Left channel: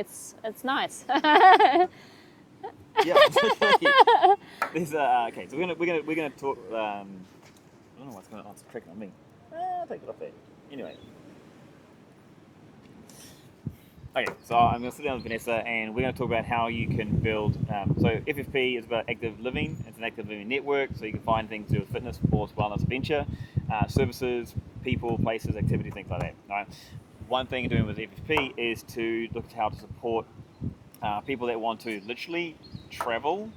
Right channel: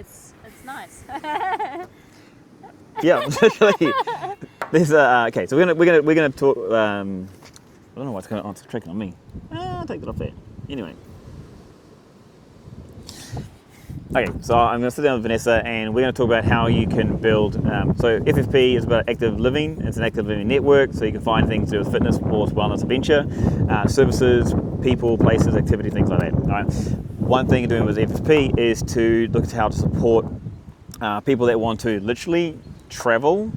it's nice. Yeah, literally. There's okay. So we're gonna talk. I don't know what's going on. It's tricking on me. Take it off there. Anyway. Okay, so I'm going to sit down with Vanessa and we're going to talk about how you can build. So FFP is about active living. It's an active living network, so you can find things to do with fitness, sports, wellness, adventure, services, people, places, activity, things like that. All right. One thing doing with FFP is to look at how to support people that want to literally travel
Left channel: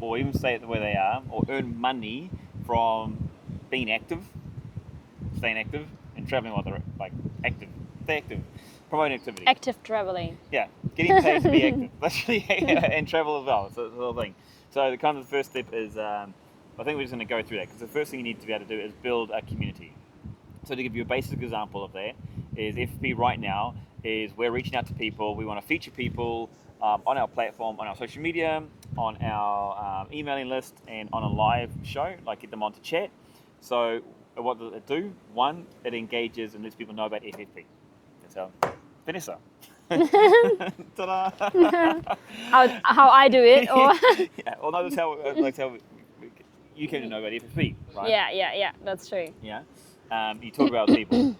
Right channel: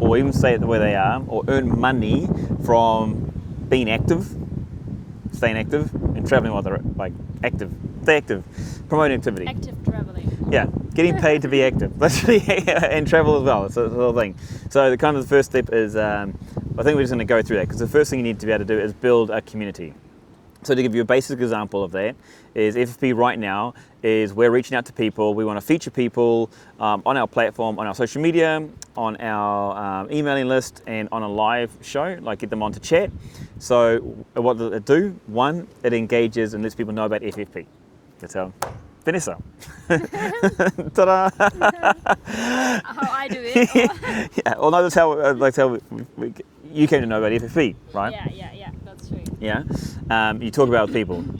or even stay where they are or earn money from being active, staying active, and traveling while they're like active. Stay active, promoting activity. Active traveling. Yeah, getting paid to be active, literally, and travel as well. It's the whole thing. So the kind of the first step is, I think we're just going to go through that because the first thing you need to be able to do is build a community. So to give you a basic example of that is FFP right now is we're reaching out to people. We want to feature people on our platform, on our social media, on our emailing list, and on a live show, like get them on to chat. So what does it do? One, it engages and lets people know about FFP. That's how Vanessa. Ta-da! How I do it, or Yeah, well, no, that's how you came to know about FFP, right? yeah, that's true. Yeah, you talk about people.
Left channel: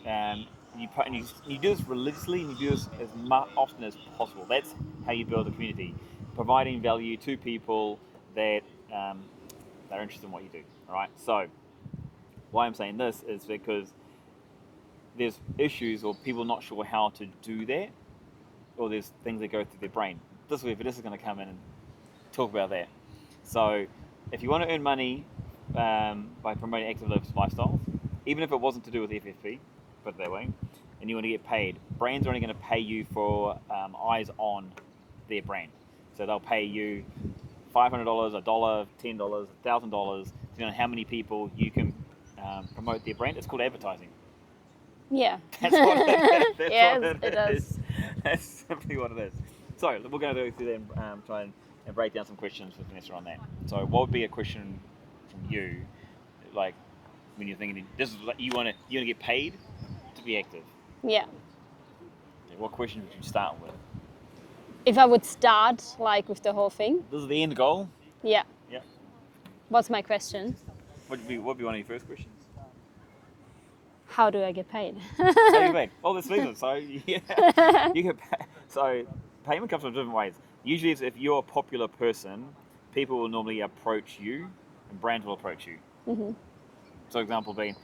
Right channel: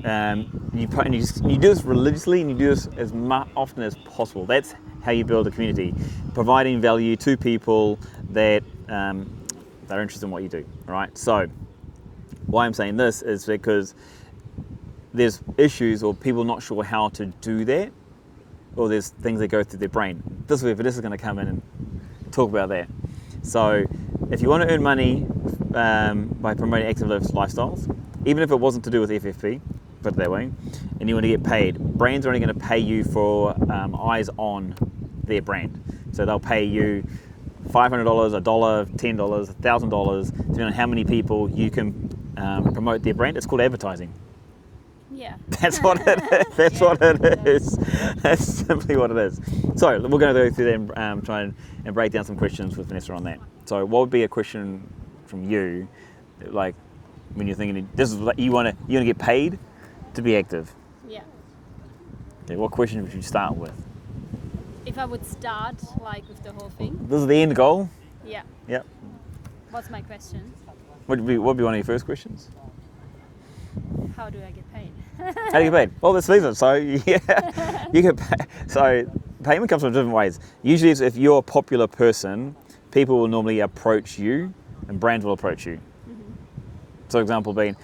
You do this religiously, and you do this as often as possible. That's how you build a community, providing value to people that are interested in what you do. Right. So, why I'm saying this is because there's issues or people not sure how to do that, or there's things that go through their brain. This is where Vanessa's going to come in and talk about that. So if you want to earn money by promoting active lifestyles, even if it wasn't to do with FFP, put it that way, and you want to get paid, brands are only going to pay you for eyes on their brand. So they'll pay you $500, $1, $10, $1,000, depending on how many people you can promote their brand. It's called advertising. Yeah. That's what it is. That's what it is. That's simply what it is. So we're going to go through that and try and break down some questions with Vanessa on that. So what would be a question from you, like when you're thinking this is like you want to get paid to be active? Yeah. Okay. What question would you start with? If I would start like with the whole thing. This is the end goal. Yeah. Yep. What's my question? What would be one of your first questions? How do I get paid? How do you get paid? Well, let's leave it. So yeah, you get paid. So payment comes from different ways. Usually, if you're a popular person, people will normally approach you, and brands will approach you. Mm-hmm. So, example being,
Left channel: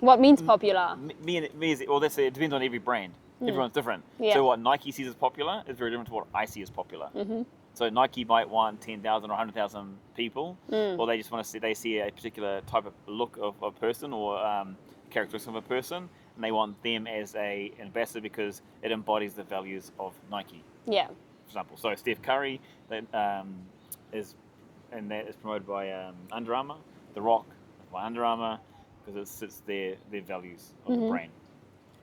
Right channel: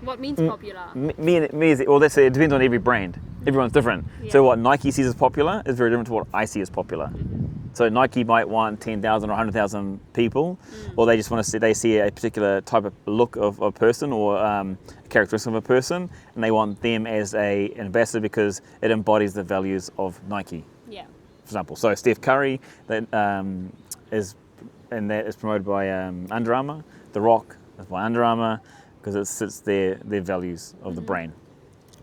what means popular? Well, let's say it depends on every brand. Everyone's different. Yeah. So what Nike sees as popular is very different to what I see as popular. Mm-hmm. So Nike might want 10,000 or 100,000 people, or they just want to see a particular type of look of a person or characteristic of a person, and they want them as an ambassador because it embodies the values of Nike. Yeah. For example, so Steph Curry that is promoted by Under Armour. The Rock is by Under Armour because it sits their values of the brand.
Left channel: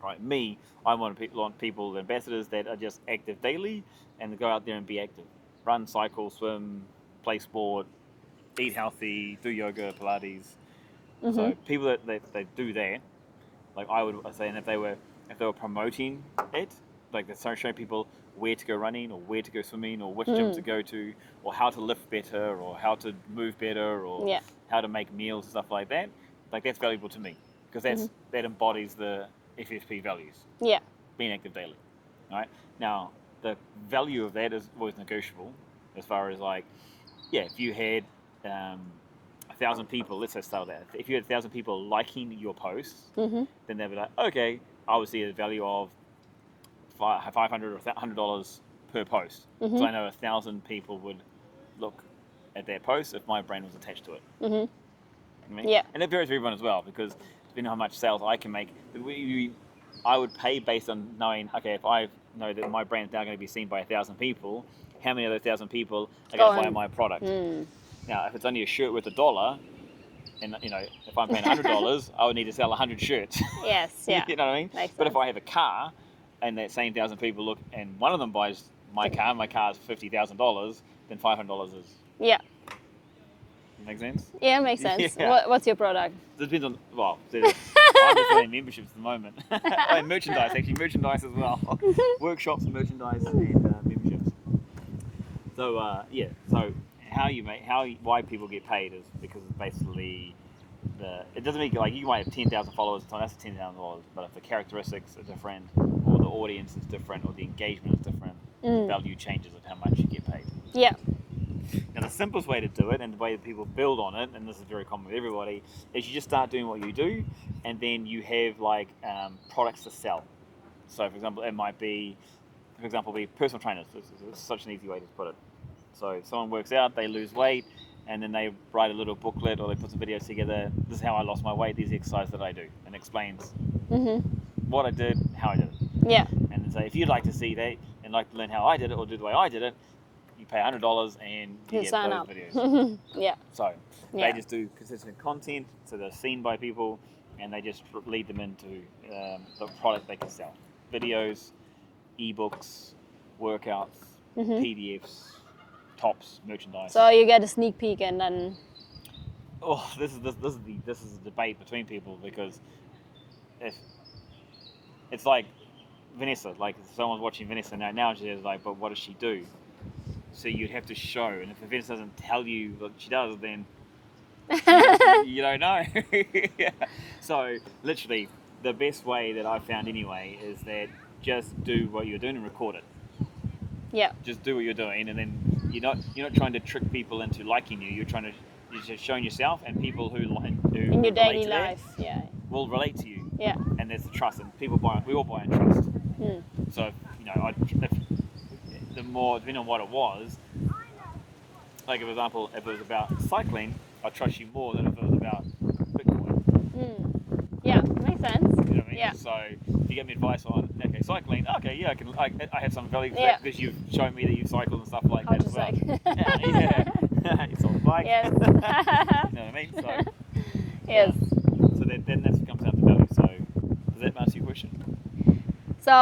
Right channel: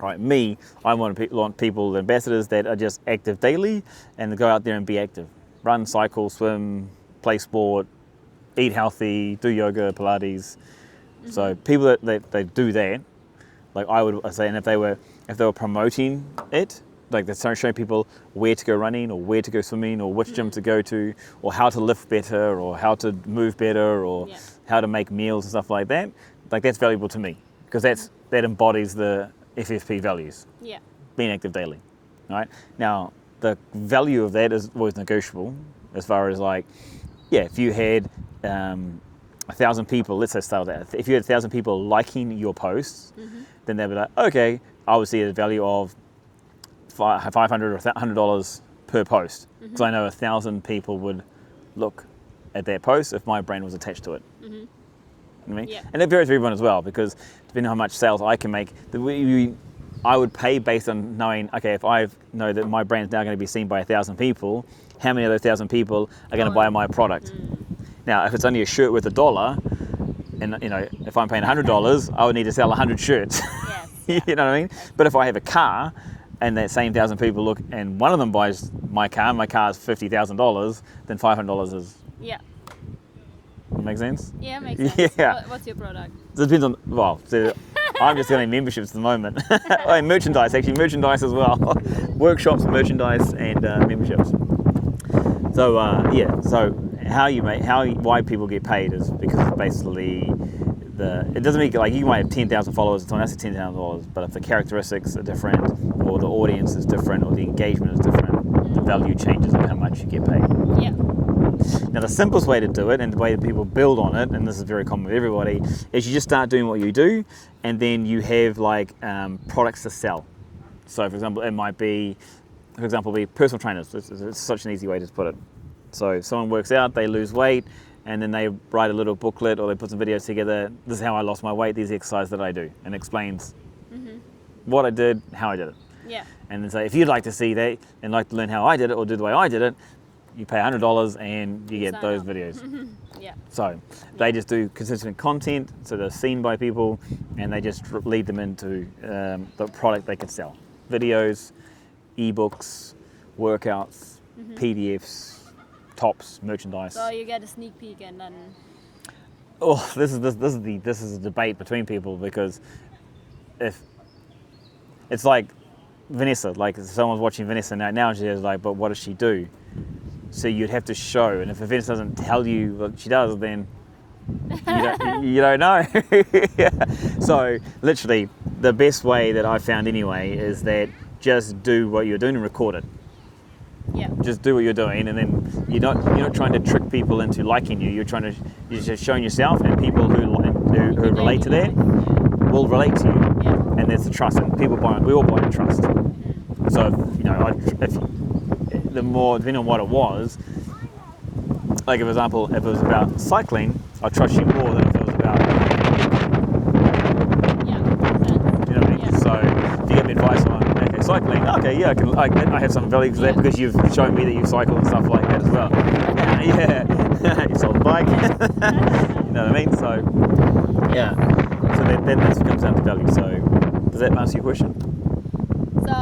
Right, I want people, ambassadors that are just active daily and go out there and be active. Run, cycle, swim, play sport, eat healthy, do yoga, Pilates. Mm-hmm. So people that they do that, like I would say, and if they were promoting it, like they're showing people where to go running or where to go swimming or which gym to go to or how to lift better or how to move better or how to make meals and stuff like that, like that's valuable to me because that embodies the FFP values. Yeah. Being active daily. Right? Now, the value of that is always negotiable as far as like, yeah, if you had 1,000 people, let's say start with that. If you had 1,000 people liking your posts, then they'd be like, okay, I would see a value of $500 or $100 per post. So I know 1,000 people would look at that post if my brand was attached to it. I mean? Yeah. And that varies for everyone as well because depending on how much sales I can make, I would pay based on knowing, okay, if I know that my brand is now going to be seen by 1,000 people, how many of those 1,000 people are going to buy my product? Now, if it's only a shirt worth $1, and you know, if I'm paying $100, I would need to sell 100 shirts. Yes. Yeah. You know what I mean? But if I have a car, and that same 1,000 people look, and one of them buys my car is $50,000, then $500 is. Yeah. That make sense? Yeah, it makes sense. Yeah. What's your product? It depends on, well, I'm just doing memberships at the moment. Oh, merchandise, actually, merchandise as well. Workshops, merchandise, and memberships. So so why people get paid is because it's basically it doesn't mean like you might have 10,000 followers and someone else has 10,000 followers, but if the characteristics are different, or the audience is different, or the engagement is different, the value changes in how much you get paid. Yeah. Now, the simplest way to do it, and the way that people build on it, and this is very common with everybody, is you just start doing what you do, and then you have like products to sell. So, for example, it might be, personal trainers. It's such an easy way to put it. So, someone works out, they lose weight, and then they write a little booklet or they put some videos together. This is how I lost my weight. These exercises that I do, and explains what I did, how I did it. Yeah. And then say, if you'd like to see that and like to learn how I did it or do the way I did it, you pay $100 and you get those videos. Yeah. So they just do consistent content, so they're seen by people, and they just lead them into the product they can sell. Videos, ebooks, workouts, PDFs, tops, merchandise. So you get a sneak peek, and then. Oh, this is a debate between people, because if it's like Vanessa, like if someone's watching Vanessa now she's like, but what does she do? So you'd have to show, and if Vanessa doesn't tell you what she does, then you don't know. Yeah. So literally, the best way that I've found anyway is that just do what you're doing and record it. Yeah. Just do what you're doing, and then you're not trying to trick people into liking you. You're just showing yourself, and people who relate to that will relate to you. Yeah. And there's the trust, and we all buy on trust. So if the more, depending on what it was, like for example, if it was about cycling, I'd trust you more than if it was about. Yeah, makes sense. You know what I mean? Yeah. So if you give me advice on cycling, I have some value for that because you've shown me that you cycle and stuff like that as well. Yeah, you sold a bike. Yes. You know what I mean? So Yes. so then that comes down to value. So does that answer your question? So,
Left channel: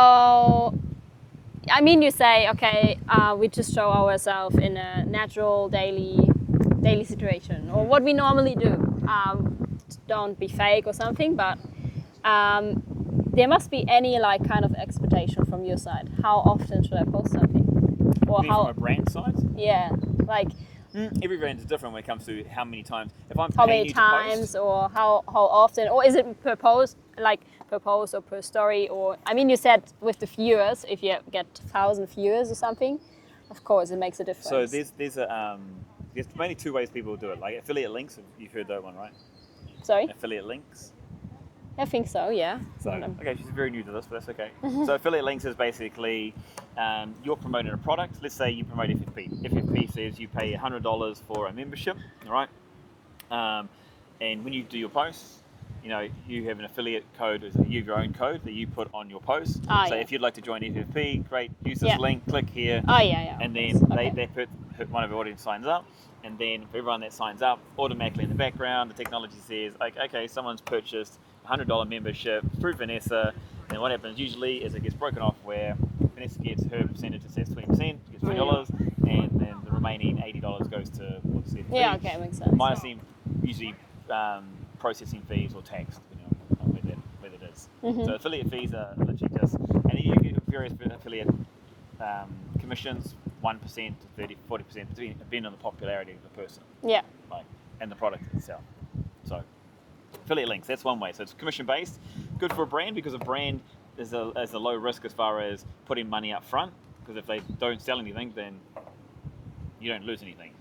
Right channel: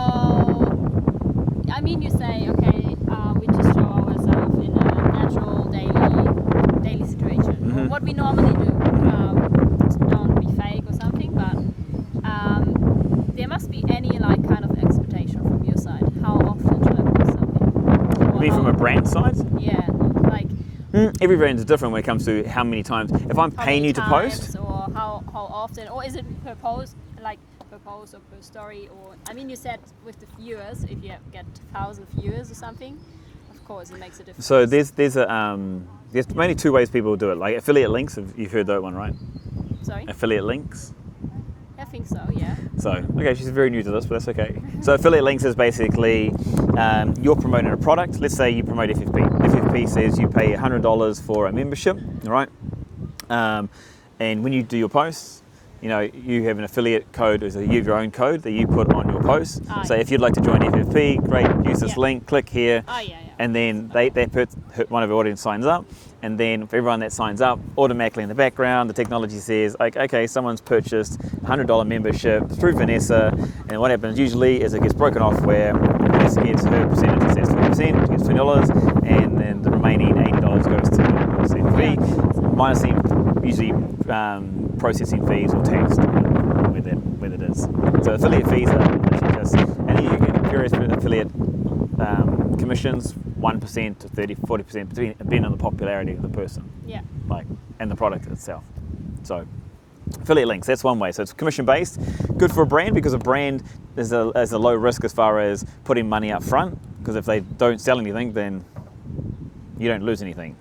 I mean, you say, okay, we just show ourselves in a natural daily situation, or what we normally do. Don't be fake or something, but there must be any like kind of expectation from your side. How often should I post something? Or From a brand side? Yeah, like every brand is different when it comes to how many times. If I'm paying you to post, or how often, or is it per post, like per post or per story? Or I mean, you said with the viewers, if you get 1,000 viewers or something, of course it makes a difference. So there's mainly two ways people do it. Like affiliate links, you've heard that one, right? Sorry? Affiliate links. I think so, yeah. So, okay, she's very new to this, but that's okay. So affiliate links is basically you're promoting a product. Let's say you promote FFP. FFP says you pay $100 for a membership, all right? And when you do your posts, you have an affiliate code, you have your own code that you put on your post. If you'd like to join FFP, great, use this link, click here. And then one of our audience signs up. And then for everyone that signs up, automatically in the background, the technology says, like, okay, someone's purchased a $100 membership through Vanessa. And what happens usually is it gets broken off where Vanessa gets her percentage, it says 20%, gets $20, and then the remaining $80 goes to the fee. Yeah, okay, makes sense. Minus usually processing fees or tax, where that is. So affiliate fees are literally just, and then you get various affiliate commissions, 1% to 30, 40%, depending on the popularity of the person. Yeah. And the product itself. So affiliate links, that's one way. So it's commission based, good for a brand because a brand is a low risk as far as putting money up front, because if they don't sell anything, then you don't lose anything.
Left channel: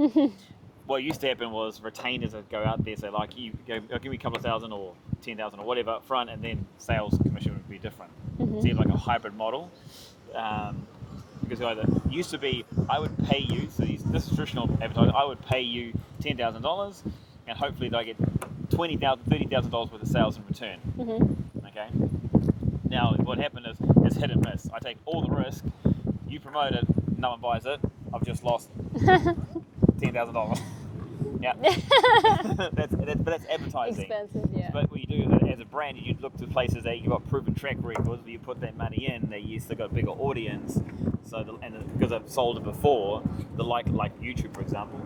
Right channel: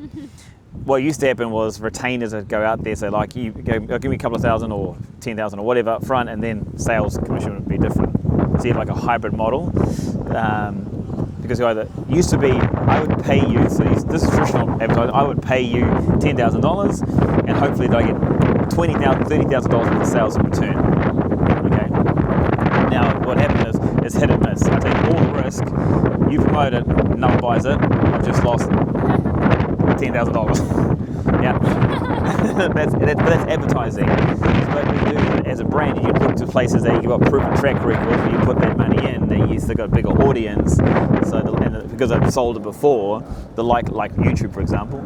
What used to happen was retainers would go out there, say like, you go, give me a couple of thousand or 10,000 or whatever up front, and then sales commission would be different. So you have like a hybrid model. Because either used to be, I would pay you, so this is traditional advertising, I would pay you $10,000 and hopefully I get $20,000, $30,000 worth of sales in return. Okay. Now what happened is it's hit and miss. I take all the risk, you promote it, no one buys it, I've just lost $10,000. Yeah. that's advertising. But when you do it as a brand, you look to places that you've got proven track record, where you put that money in, then you still got a bigger audience. So because I've sold it before, like YouTube, for example,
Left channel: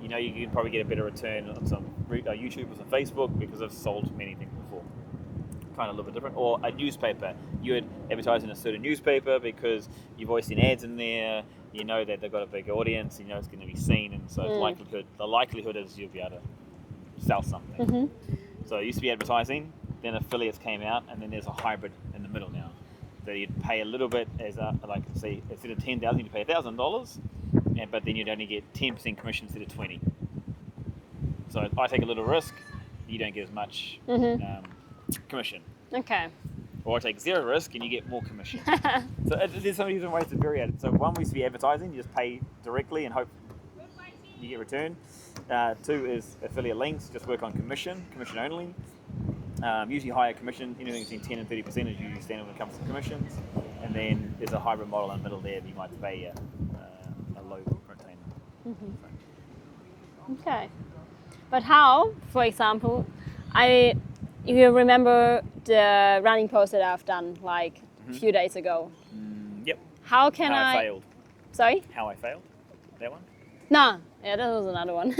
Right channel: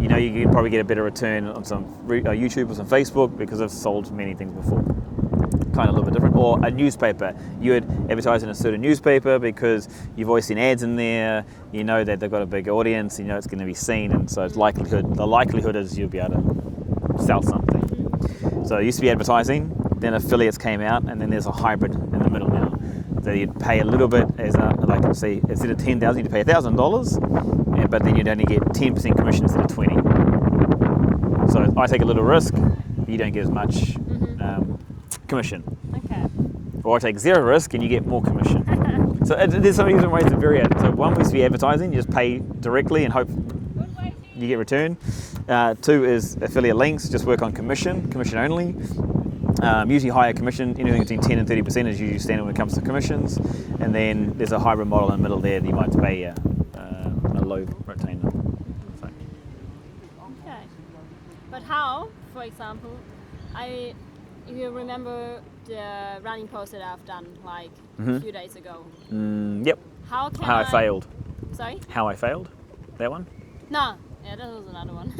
you can probably get a better return on some YouTube or some Facebook because I've sold many things before. kind of a little bit different. Or a newspaper, you would advertise in a certain newspaper because you've always seen ads in there, you know that they've got a big audience, you know it's going to be seen, and so the likelihood is you'll be able to sell something. So it used to be advertising, then affiliates came out, and then there's a hybrid in the middle now. So you'd pay a little bit, as like say, instead of $10,000, you'd pay $1,000, but then you'd only get 10% commission instead of 20. So I take a little risk, you don't get as much commission. Okay. Or I take zero risk and you get more commission. So there's so many different ways to vary it. So one was to be advertising, you just pay directly and hope you get return. Two is affiliate links, just work on commission only. Usually higher commission, anything between 10 and 30% is usually standard when it comes to commissions. And then there's a hybrid model in the middle there that you might have to pay a low retainer. So. Okay. But how, for example, you remember the running post that I've done like a few days ago? Yep. How I failed. Sorry? How I failed? That one? No. Yeah, that was another one.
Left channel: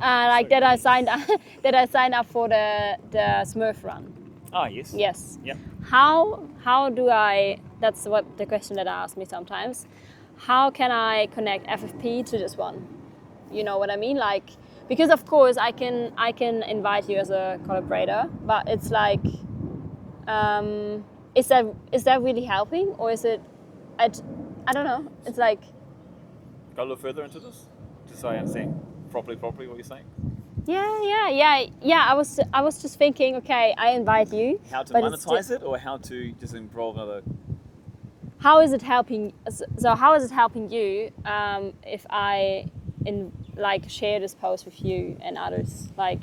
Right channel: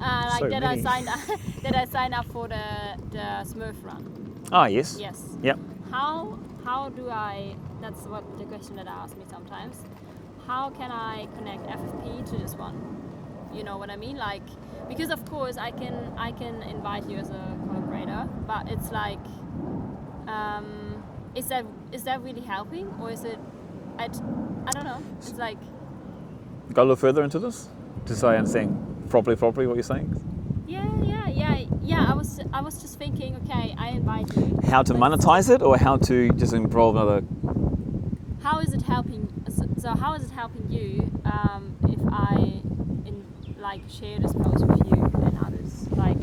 Like so that I signed up for the Smurf run. Oh yes. Yes. Yep. How do I? That's what the question that I ask me sometimes. How can I connect FFP to this one? You know what I mean? Like, because of course I can invite you as a collaborator, but it's like, is that really helping, or is it? I don't know. It's like. Go a little further into this, just so I understand properly what you're saying. Yeah. I was just thinking. Okay, I invite you. How to monetize it, or how to just involve another. How is it helping? So how is it helping you if I share this post with you and others? Like.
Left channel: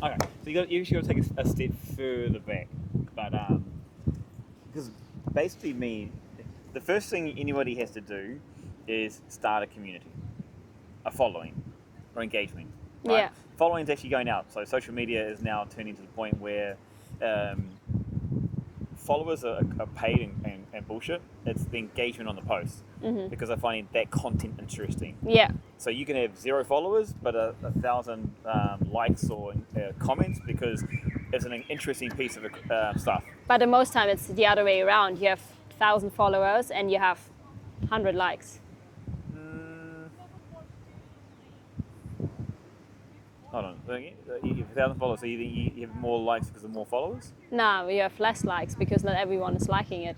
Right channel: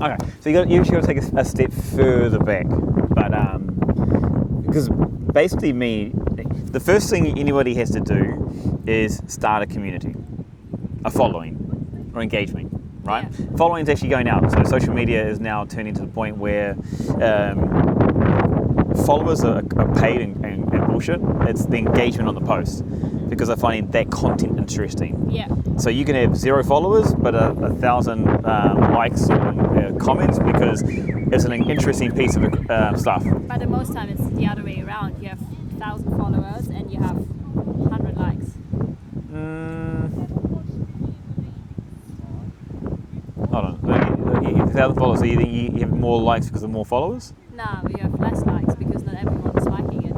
Okay, so you actually got to take a step further back, but because basically the first thing anybody has to do is start a community, a following, or engagement, right? Yeah. Following is actually going out. So social media is now turning to the point where followers are paid and bullshit. It's the engagement on the post because they're finding that content interesting. Yeah. So you can have 0 followers, but 1,000 likes or comments because it's an interesting piece of stuff. But most time it's the other way around. You have 1,000 followers and you have 100 likes. Hold on. You have 1,000 followers, so you think you have more likes because of more followers? No, you have less likes because not everyone is liking it.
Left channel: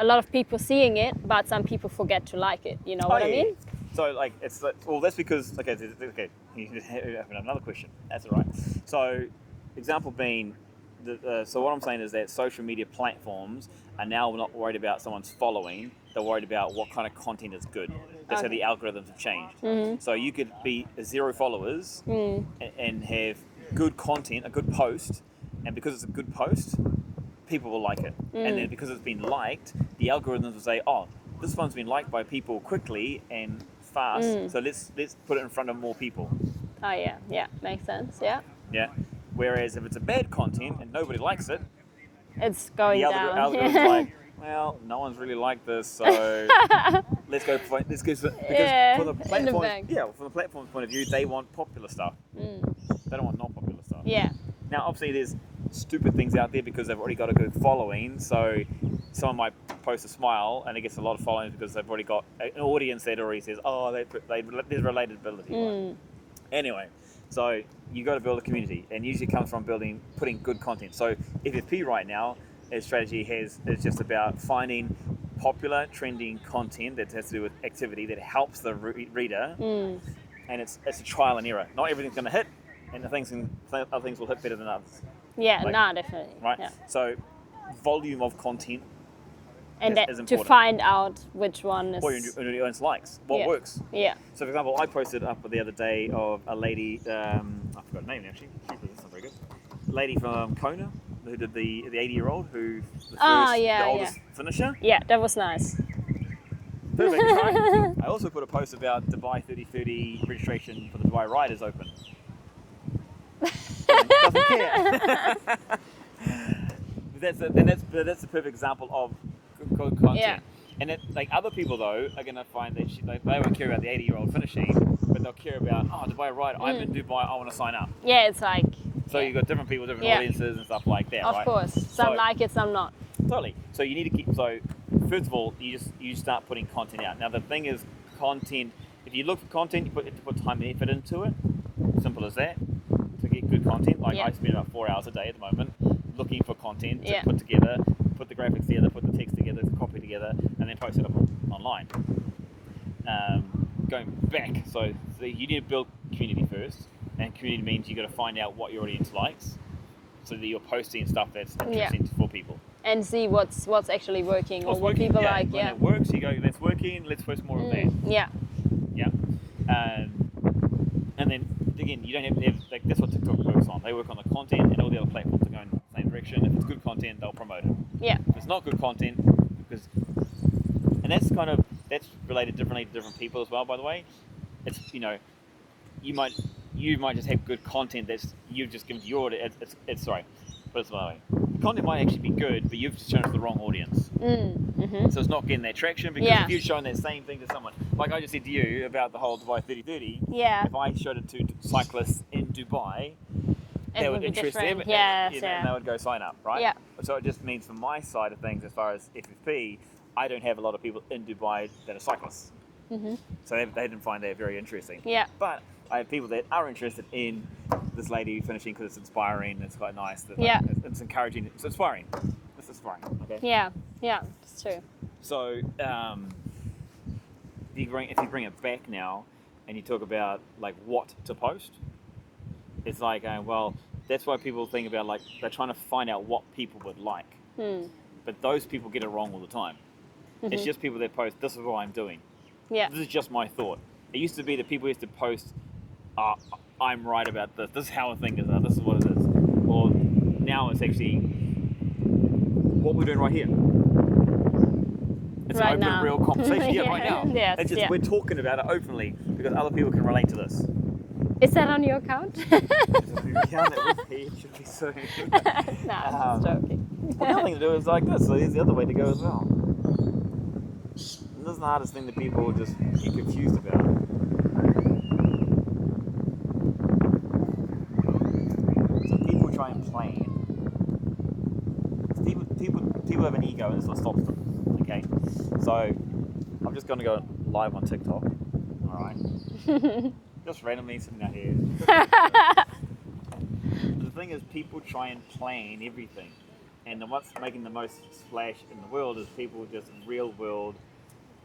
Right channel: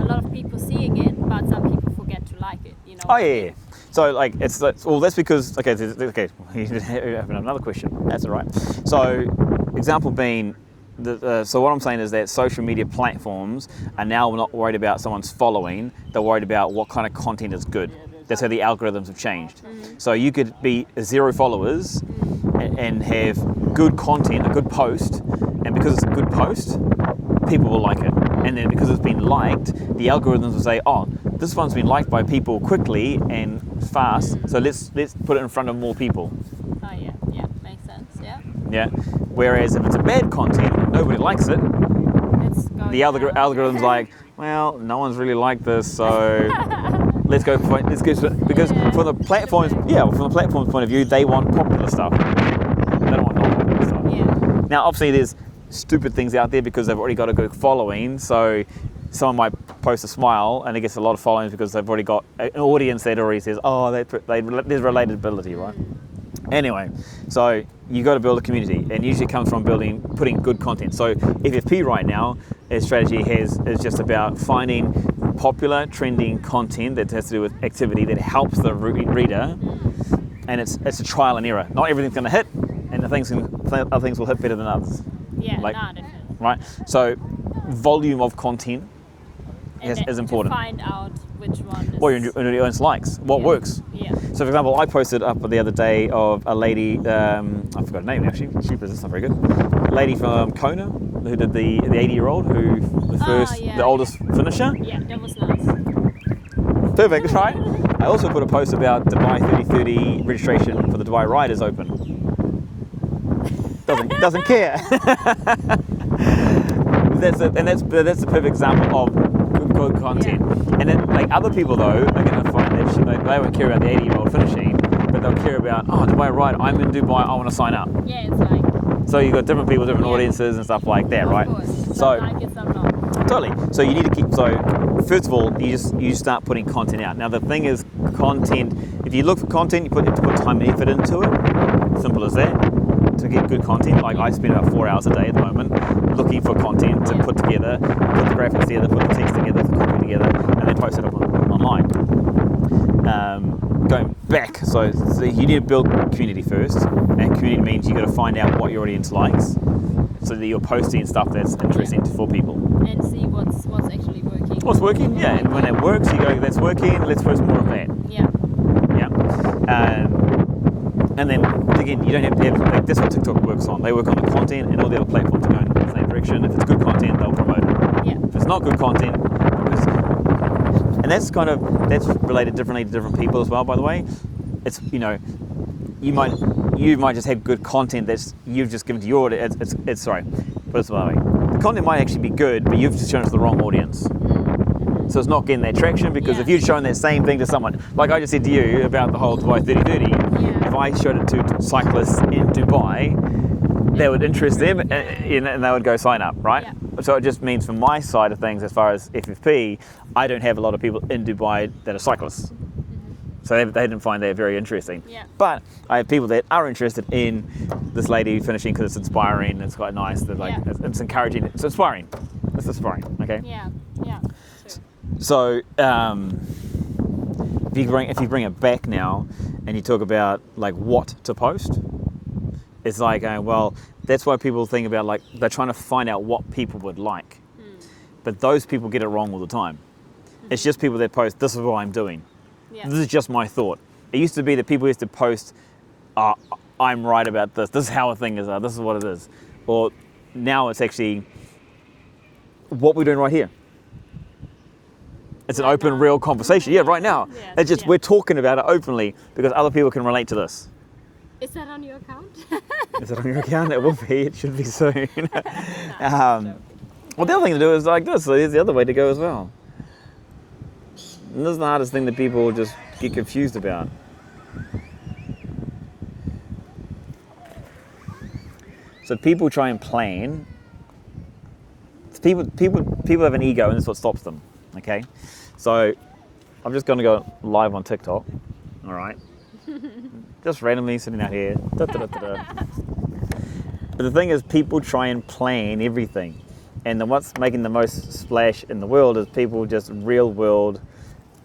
A lot of people seeing it, but some people forget to like it. You know what I mean? Yeah. So like that's because okay. You have another question. That's all right. So example being. So what I'm saying is that social media platforms are now not worried about someone's following, they're worried about what kind of content is good. That's how the algorithms have changed. So you could be 0 followers and have good content, a good post, and because it's a good post, people will like it. And then because it's been liked, the algorithms will say, oh, this one's been liked by people quickly and fast, so let's put it in front of more people. Oh yeah, makes sense. Yeah. Whereas if it's a bad content, nobody likes it. It's going. The algorithm's like, well, no one's really liked this, so let's go because from the platform's point of view, they want popular stuff. They don't want non-popular stuff. Yeah. Now, obviously, there's stupid things out there because they've already got a good following. So someone might post a smile and it gets a lot of followings because they've already got an audience that already says, oh, there's relatability, right? Anyway, so you got to build a community, and usually it comes from putting good content. So FFP right now, its strategy is just about finding popular, trending content that has to do with activity that helps the reader, and it's a trial and error. Not everything's going to hit, and other things will hit better than others. Yeah, definitely. Right. Yeah. So volume of content is important. To find out which one is... Or your audience likes, what works. Yeah. So for example, I posted up the other day of a lady, I forgot her name actually, it's not very good, a lady from Kona who did the 80-year-old, the oldest finisher. Yeah, that was nice. Perfect, right? I also put a post about Dubai 3030 registration for the Dubai ride is open. Doesn't care. That's the perfect example of good content. Yeah. And then like other people though are going to find that they won't care about the 80-year-old finishing, but they'll care about, oh, Dubai ride, I'm in Dubai, I want to sign up. Yeah, it's like So you've got different people, different Yeah. audiences and stuff like that, Of right? course. So Some like it, some not. totally. So you need to keep. So first of all, you start putting content out. Now the thing is, content. If you look for content, you have to put time and effort into it. Simple as that. To get good content, like Yeah. I spend about 4 hours a day at the moment looking for content to Yeah. put together, put the graphics together, put the text together, the copy together, and then post it up online. Going back, so you need to build community first, and community means you got to find out what your audience likes, so that you're posting stuff that's interesting for people. And see what's actually working. What's what working? people Yeah, like, when it works, you go, that's working. Let's post more of that. Yeah. Yeah. And then again, you don't have to have, like, that's what TikTok works on. They work on the content, and all the other platforms are going in the same direction. If it's good content, they'll promote it. Yeah. If it's not good content, and that's related differently to different people as well. By the way, it's you might just have good content that's you've just given to your audience. It's sorry, put it this way. The content might actually be good, but you've just shown it to the wrong audience. Mm-hmm. So it's not getting that traction, because if you'd shown that same thing to someone, like I just said to you about the whole Dubai 30-30, if I showed it to cyclists in Dubai, that would interest them, and they would go sign up, right? Yeah. So it just means from my side of things, as far as FFP, I don't have a lot of people in Dubai that are cyclists. Mm-hmm. So they didn't find that very interesting. Yeah. But I have people that are interested in this lady finishing because it's inspiring, it's quite nice, that it's encouraging, it's inspiring. It's inspiring, okay? Yeah, it's true. So if you bring it back now and you talk about like what to post, it's like, well, that's why people think about, like, they're trying to find out what people would like. But those people get it wrong all the time. It's just people that post, this is what I'm doing. Yeah. This is just my thought. It used to be that people used to post, I'm right about this. This is how a thing is. This is what it is. Or now it's actually what we're doing right here. It's an open, real conversation. Yeah, right now. It's just we're talking about it openly because other people can relate to this. Is that on your account? Is it on your account? It will be. It should be soon. Nah, I'm joking. Well, the other thing to do is like this. So here's the other way to go as well. And this is the hardest thing that people just get confused about. So people try and plan. People have an ego, and that's what stops them. Okay, so I'm just going to go live on TikTok. All right, just randomly sitting out here. But the thing is, people try and plan everything, and then what's making the most splash in the world is people just real world.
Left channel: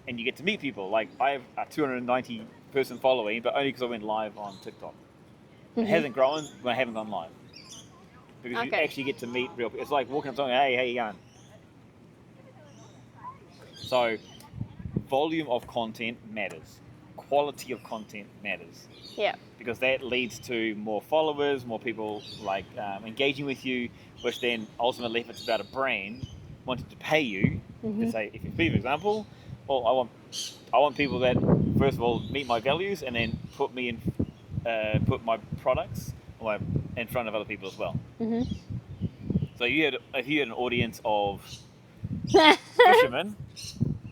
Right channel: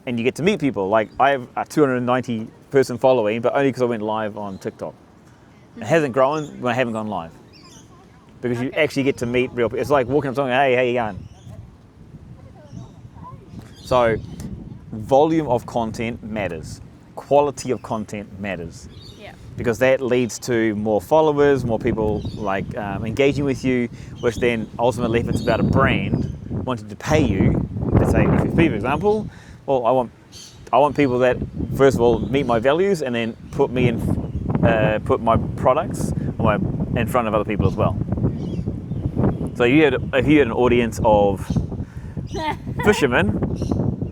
And you get to meet people. Like, I have a 290 person following, but only because I went live on TikTok. It hasn't grown when I haven't gone live. Because you actually get to meet real people. It's like walking up to someone, hey, how you going? So, volume of content matters. Quality of content matters. Yeah. Because that leads to more followers, more people like engaging with you, which then ultimately, if it's about a brand wanting to pay you, let's say FFP for example, well, I want people that first of all meet my values and then put me in, put my products in front of other people as well. Mm-hmm. So if you had an audience of fishermen,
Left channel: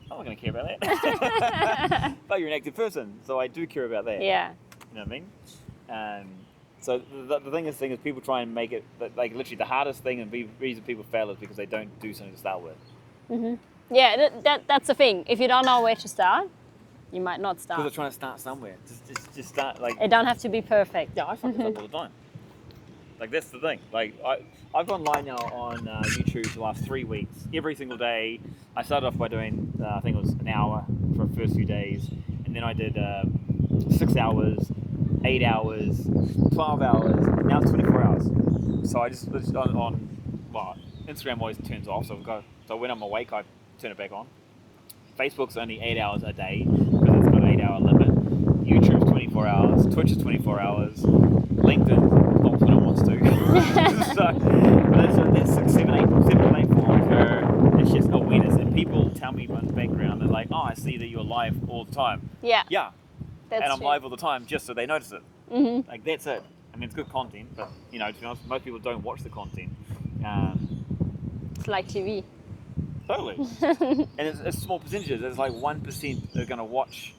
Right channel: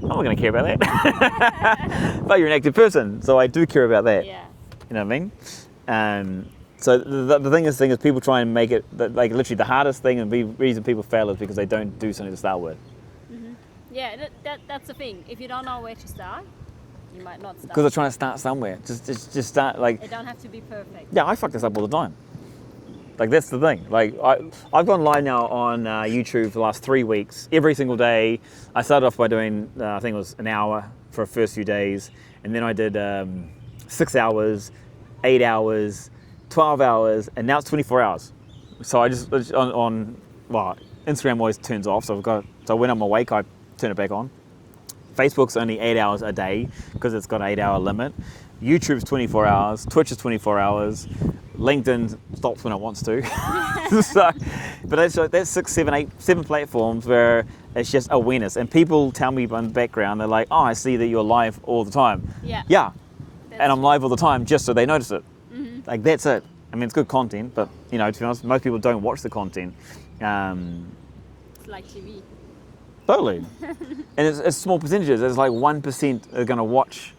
I'm not going to care about that. But you're an active person, so I do care about that. Yeah. You know what I mean? So the thing is, people try and make it like literally the hardest thing, and the reason people fail is because they don't do something to start with. Mm-hmm. Yeah, that's the thing. If you don't know where to start, you might not start. Because they're trying to start somewhere. Just start like. It don't have to be perfect. Yeah, I fuck this up all the time. Like that's the thing. Like I've gone live now on YouTube for the last 3 weeks, every single day. I started off by doing I think it was an hour for the first few days, and then I did 6 hours, 8 hours, 12 hours, and now it's 24 hours. So I just on Instagram always turns off. So when I'm awake, I turn it back on. Facebook's only 8 hours a day because it's got an 8 hour limit. YouTube's 24 hours. Twitch is 24 hours. LinkedIn stops when it wants to. But that's 6, 7, 8, 7 platforms where it's just awareness. And people tell me in the background, they're like, oh, I see that you're live all the time. Yeah. Yeah. And I'm live all the time just so they notice it. Mm-hmm. Like that's it. I mean, it's good content, but to be honest, most people don't watch the content. It's like TV. Totally. And it's small percentages. There's like 1% are going to watch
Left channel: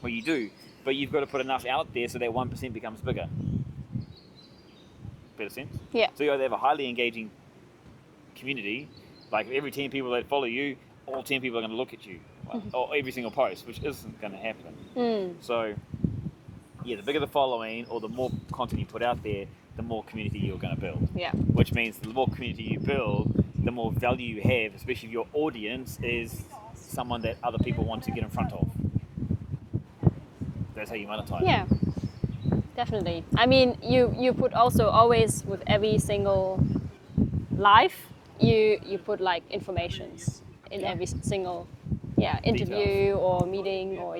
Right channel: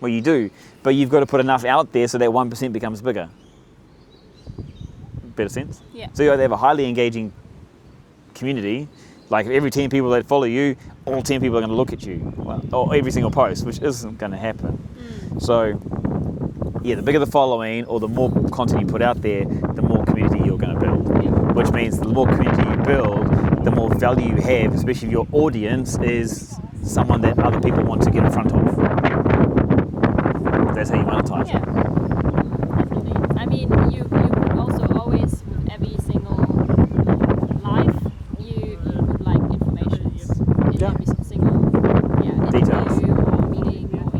what you do, but you've got to put enough out there so that 1% becomes bigger. better sense. Yeah. So you either have a highly engaging community, like every 10 people that follow you, all 10 people are going to look at you, or every single post, which isn't going to happen. So, yeah, the bigger the following or the more content you put out there, the more community you're going to build. Yeah. Which means the more community you build, the more value you have, especially if your audience is someone that other people want to get in front of. That's how you monetize. Yeah, definitely. I mean, you put also always with every single live, you put like informations in every single interview or meeting or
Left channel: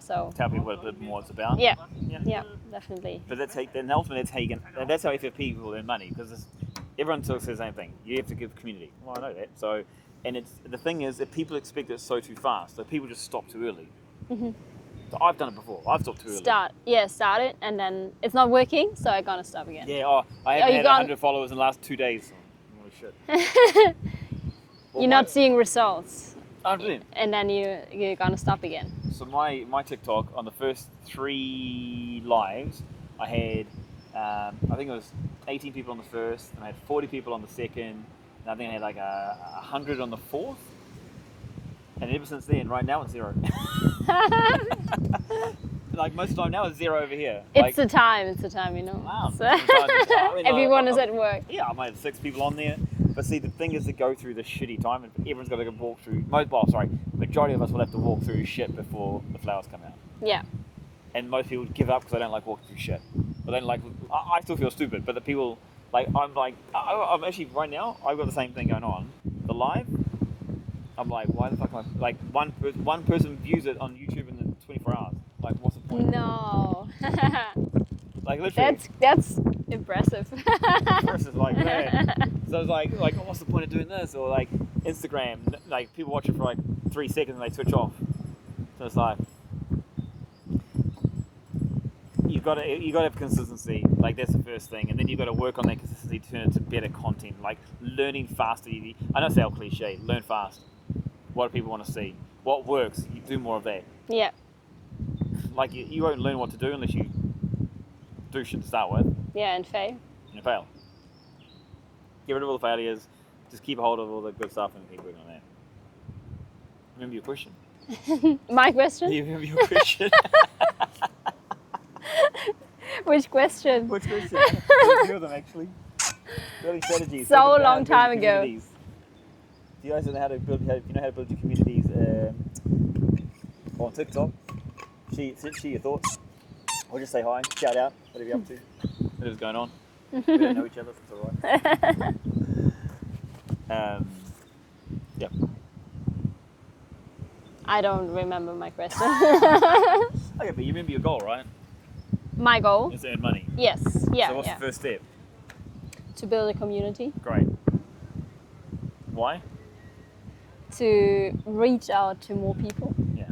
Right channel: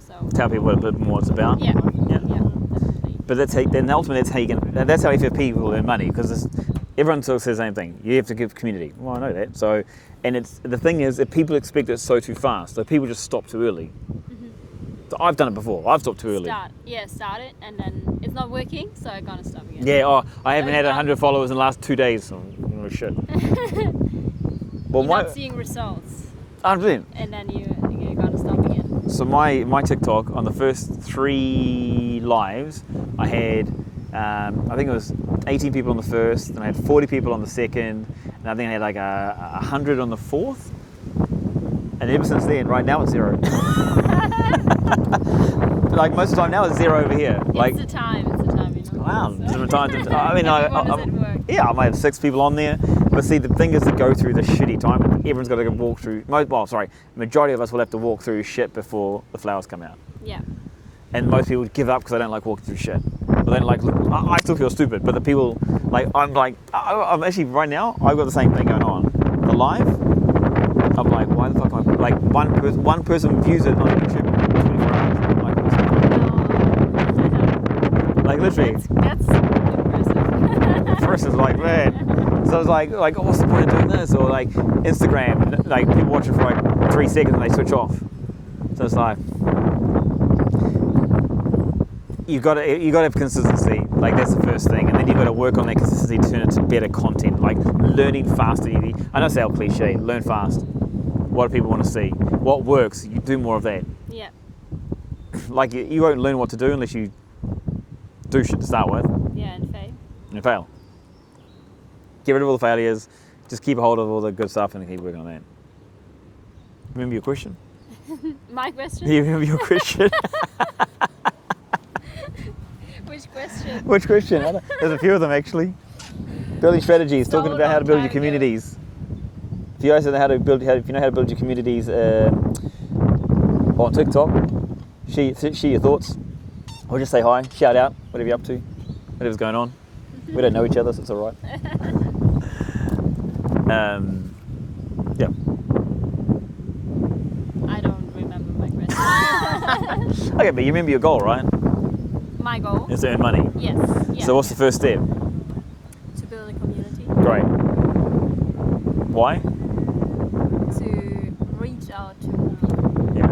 so Tell people a bit more what it's about. yeah definitely. But then ultimately that's how you get people earn money, because everyone says the same thing. You have to give community. Well, I know that. So, and the thing is that people expect it so too fast. So people just stop too early. So I've done it before. I've stopped too early. Start it, and then it's not working, so I'm gonna stop again. Yeah. I haven't had 100 followers in the last 2 days. Oh shit. Well, You're not seeing results. 100%. And then you're gonna stop again. So my TikTok, on the first 3 lives, I had I think it was 18 people on the first, and I had 40 people on the second, and I think I had like 100 on the fourth. And ever since then, right now it's 0. Like most of the time now it's 0 over here. It's the time, you know. Wow. So I mean, everyone is at work. Yeah, I might have 6 people on there. But see, the thing is to go through the shitty time. Everyone's got to walk through. Majority of us will have to walk through shit before the flowers come out. Yeah. And most people give up because they don't like walking through shit. But they don't like. I still feel stupid. But the people, I'm actually right now. I've got the same thing going on. The live. I'm like, why the fuck? Like one person views it on YouTube in 24 hours. I'm like, what's the point? No. Like literally. That's impressive. First is like, man. So I was like, oh, what's the point of doing this? Or like Instagram, like people watch it for like 3 seconds and they switch off. So it's like, you got to have consistency. Like that's the first thing, and then you got to work on that consistency to turn it to better content. Like learning faster. I know it's how cliche. Learn fast. What do people want to see? What works? You do more of that. Yeah. Like you won't learn what to do unless you do shit to start with. Yeah, and fail. And fail. Get rid of all the failures. Just keep a hold of all the good stuff and keep working on that. Remember your question? My question? You remember your question? Which question? Which question? There's a few of them actually. Building strategies. So talking about how to build your long time communities. If you guys know how to build, if you know how to build your communities on TikTok, share your thoughts, or just say hi, shout out, whatever you're up to, whatever's going on. We don't know each other, so it's all right. Yeah. I don't remember my question. Okay, but you remember your goal, right? My goal? Is to earn money. Yes. Yeah. So what's the first step? To build a community. Great. Why? To reach out to more people. Yeah.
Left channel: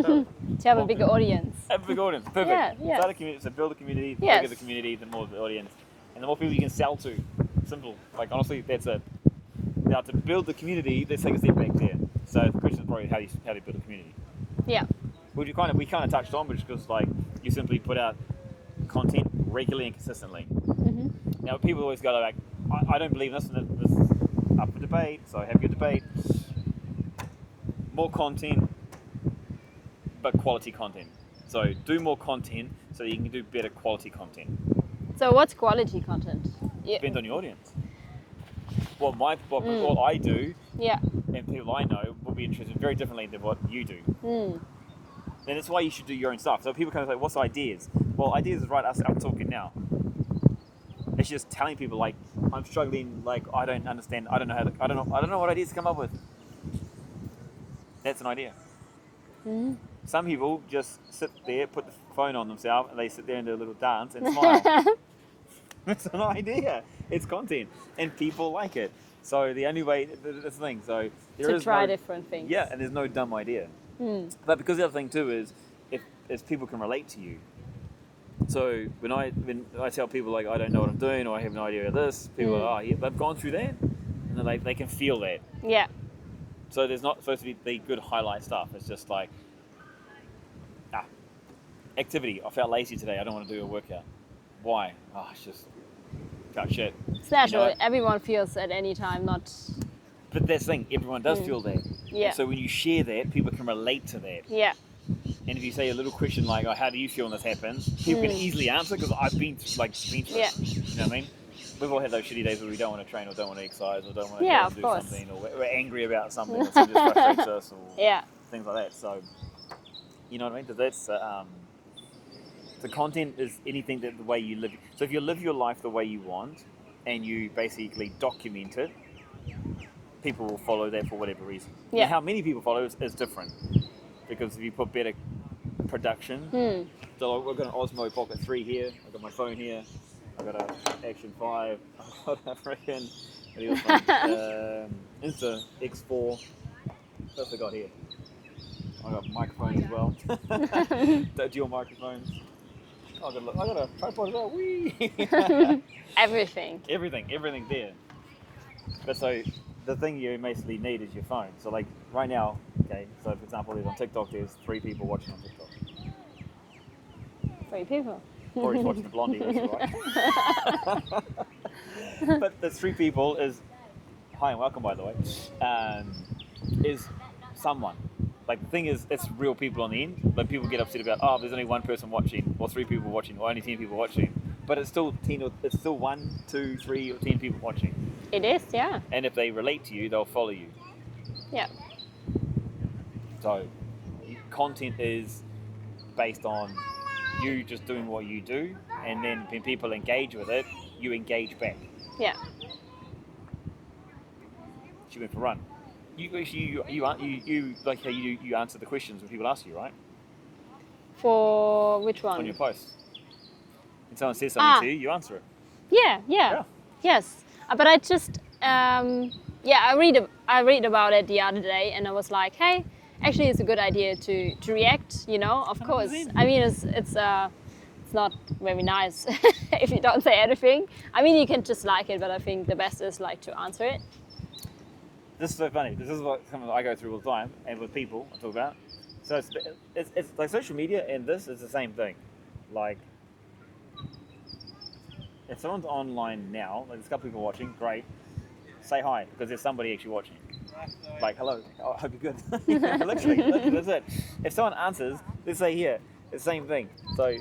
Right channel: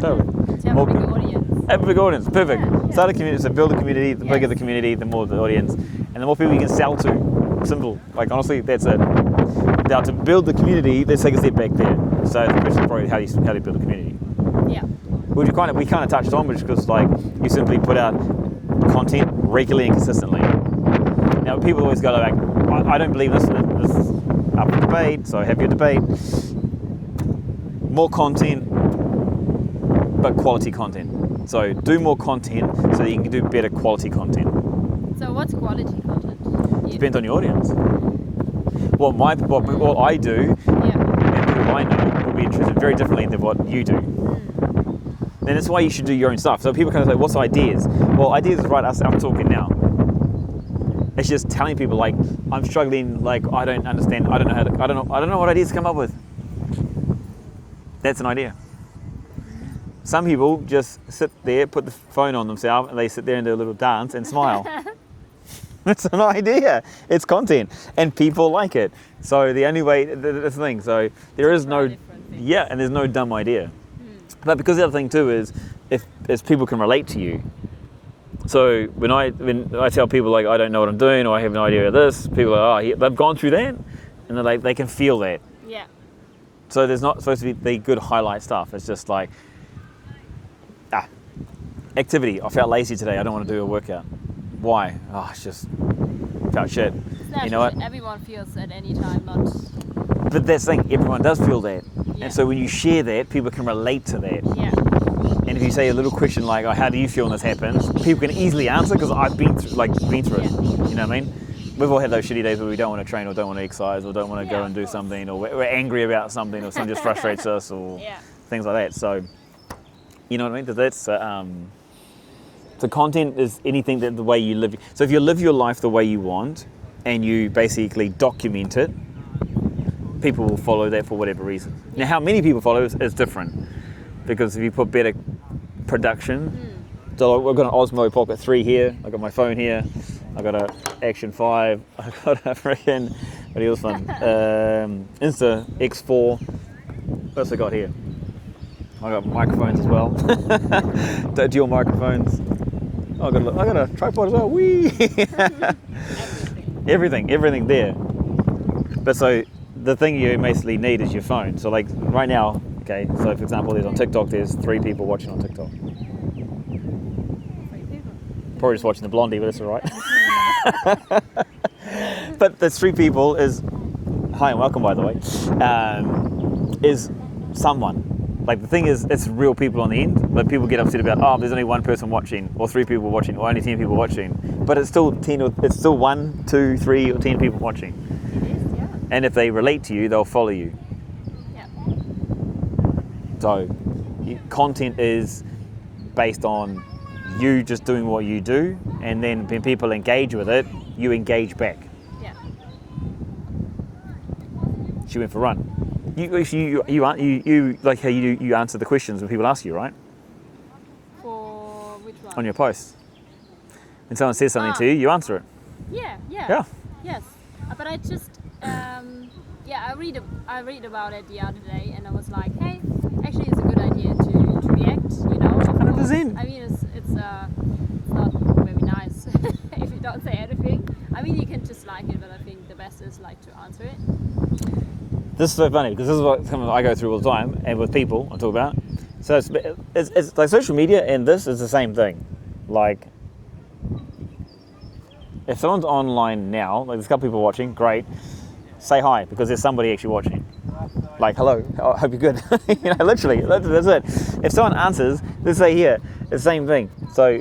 Totally. To have a bigger audience. Have a big audience. Perfect. Yeah. Start a community. So build a community. The Yes. bigger the community, the more the audience, and the more people you can sell to. Simple. Like honestly, that's it. Now to build the community, let's take a step back there. So the question is probably how do you build a community? Yeah. Which we kind of touched on, which is because like you simply put out content regularly and consistently. Now people always go like, I don't believe this is up for debate, so have your debate. More content, but quality content. So do more content so that you can do better quality content. So what's quality content? Depends on your audience. What I do, Yeah. and people I know will be interested very differently than what you do. And that's why you should do your own stuff. So people kind of say, what's ideas? Well, ideas is right, I'm talking now. It's just telling people like, I'm struggling, like I don't understand, I don't know what ideas to come up with. That's an idea. Some people just sit there, put the phone on themselves, and they sit there and do a little dance and smile. It's an idea. It's content, and people like it. So the only way, that's the thing. So there is no different things. Yeah, and there's no dumb idea. But because the other thing too is, if people can relate to you. So when I tell people like I don't know what I'm doing or I have no idea of this, people are they've gone through that, and they're like they can feel that. Yeah. So there's not supposed to be the good highlight stuff. It's just like activity. I felt lazy today. I don't want to do a workout. Why? Oh, it's just felt shit. It's natural. You know what? Everyone feels at any time, not. But that's the thing, everyone does feel that. Yeah. And so when you share that, people can relate to that. Yeah. And if you say a little question like, oh, how do you feel when this happens? People can easily answer because I've been through it. You know what I mean? We've all had those shitty days where we don't want to train or don't want to exercise or don't want to go and do something, or we're angry about something or something just frustrates us or things like that. So, you know what I mean? That's the content is anything that the way you live. So if you live your life the way you want and you basically document it, people will follow that for whatever reason. Now, how many people follow is different, because if you put better production, so we've got an Osmo Pocket 3 here, I've got my phone here, I've got a Action 5, I've got a freaking, what else one? Insta X4, what else I got here? I got microphones as well, dual microphones. Oh, I got a tripod as well, whee! Everything there. But so, the thing you basically need is your phone. So like right now, okay, so for example, there's on TikTok, there's 3 people watching on TikTok. 3 people. Probably just watching the blondie, but that's all right. But there's 3 people is, hi and welcome by the way, is someone. Like the thing is, it's real people on the end, but people get upset about, oh, there's only 1 person watching, or 3 people watching, or only 10 people watching. But it's still 10, it's still 1, 2, 3, or 10 people watching. It is, yeah. And if they relate to you, they'll follow you. Yeah. So, content is based on you just doing what you do, and then when people engage with it, you engage back. Yeah. She went for a run. You like how you answer the questions when people ask you, right? For which one? On your post. When someone says something to you, you answer it. Yeah. Yes. But I just, I read about it the other day, and I was like, hey, actually, it's a good idea to react. You know, of 100%. course. I mean, it's not very nice if you don't say anything. I mean, you can just like it, but I think the best is like to answer it. This is so funny because this is what I go through all the time, and with people I talk about. So it's like social media, and this is the same thing. Like, if someone's online now, like there's a couple people watching, great, say hi, because there's somebody actually watching. Like, hello, I hope you're good. Literally, that's it. If someone answers, they say here, it's the same thing. So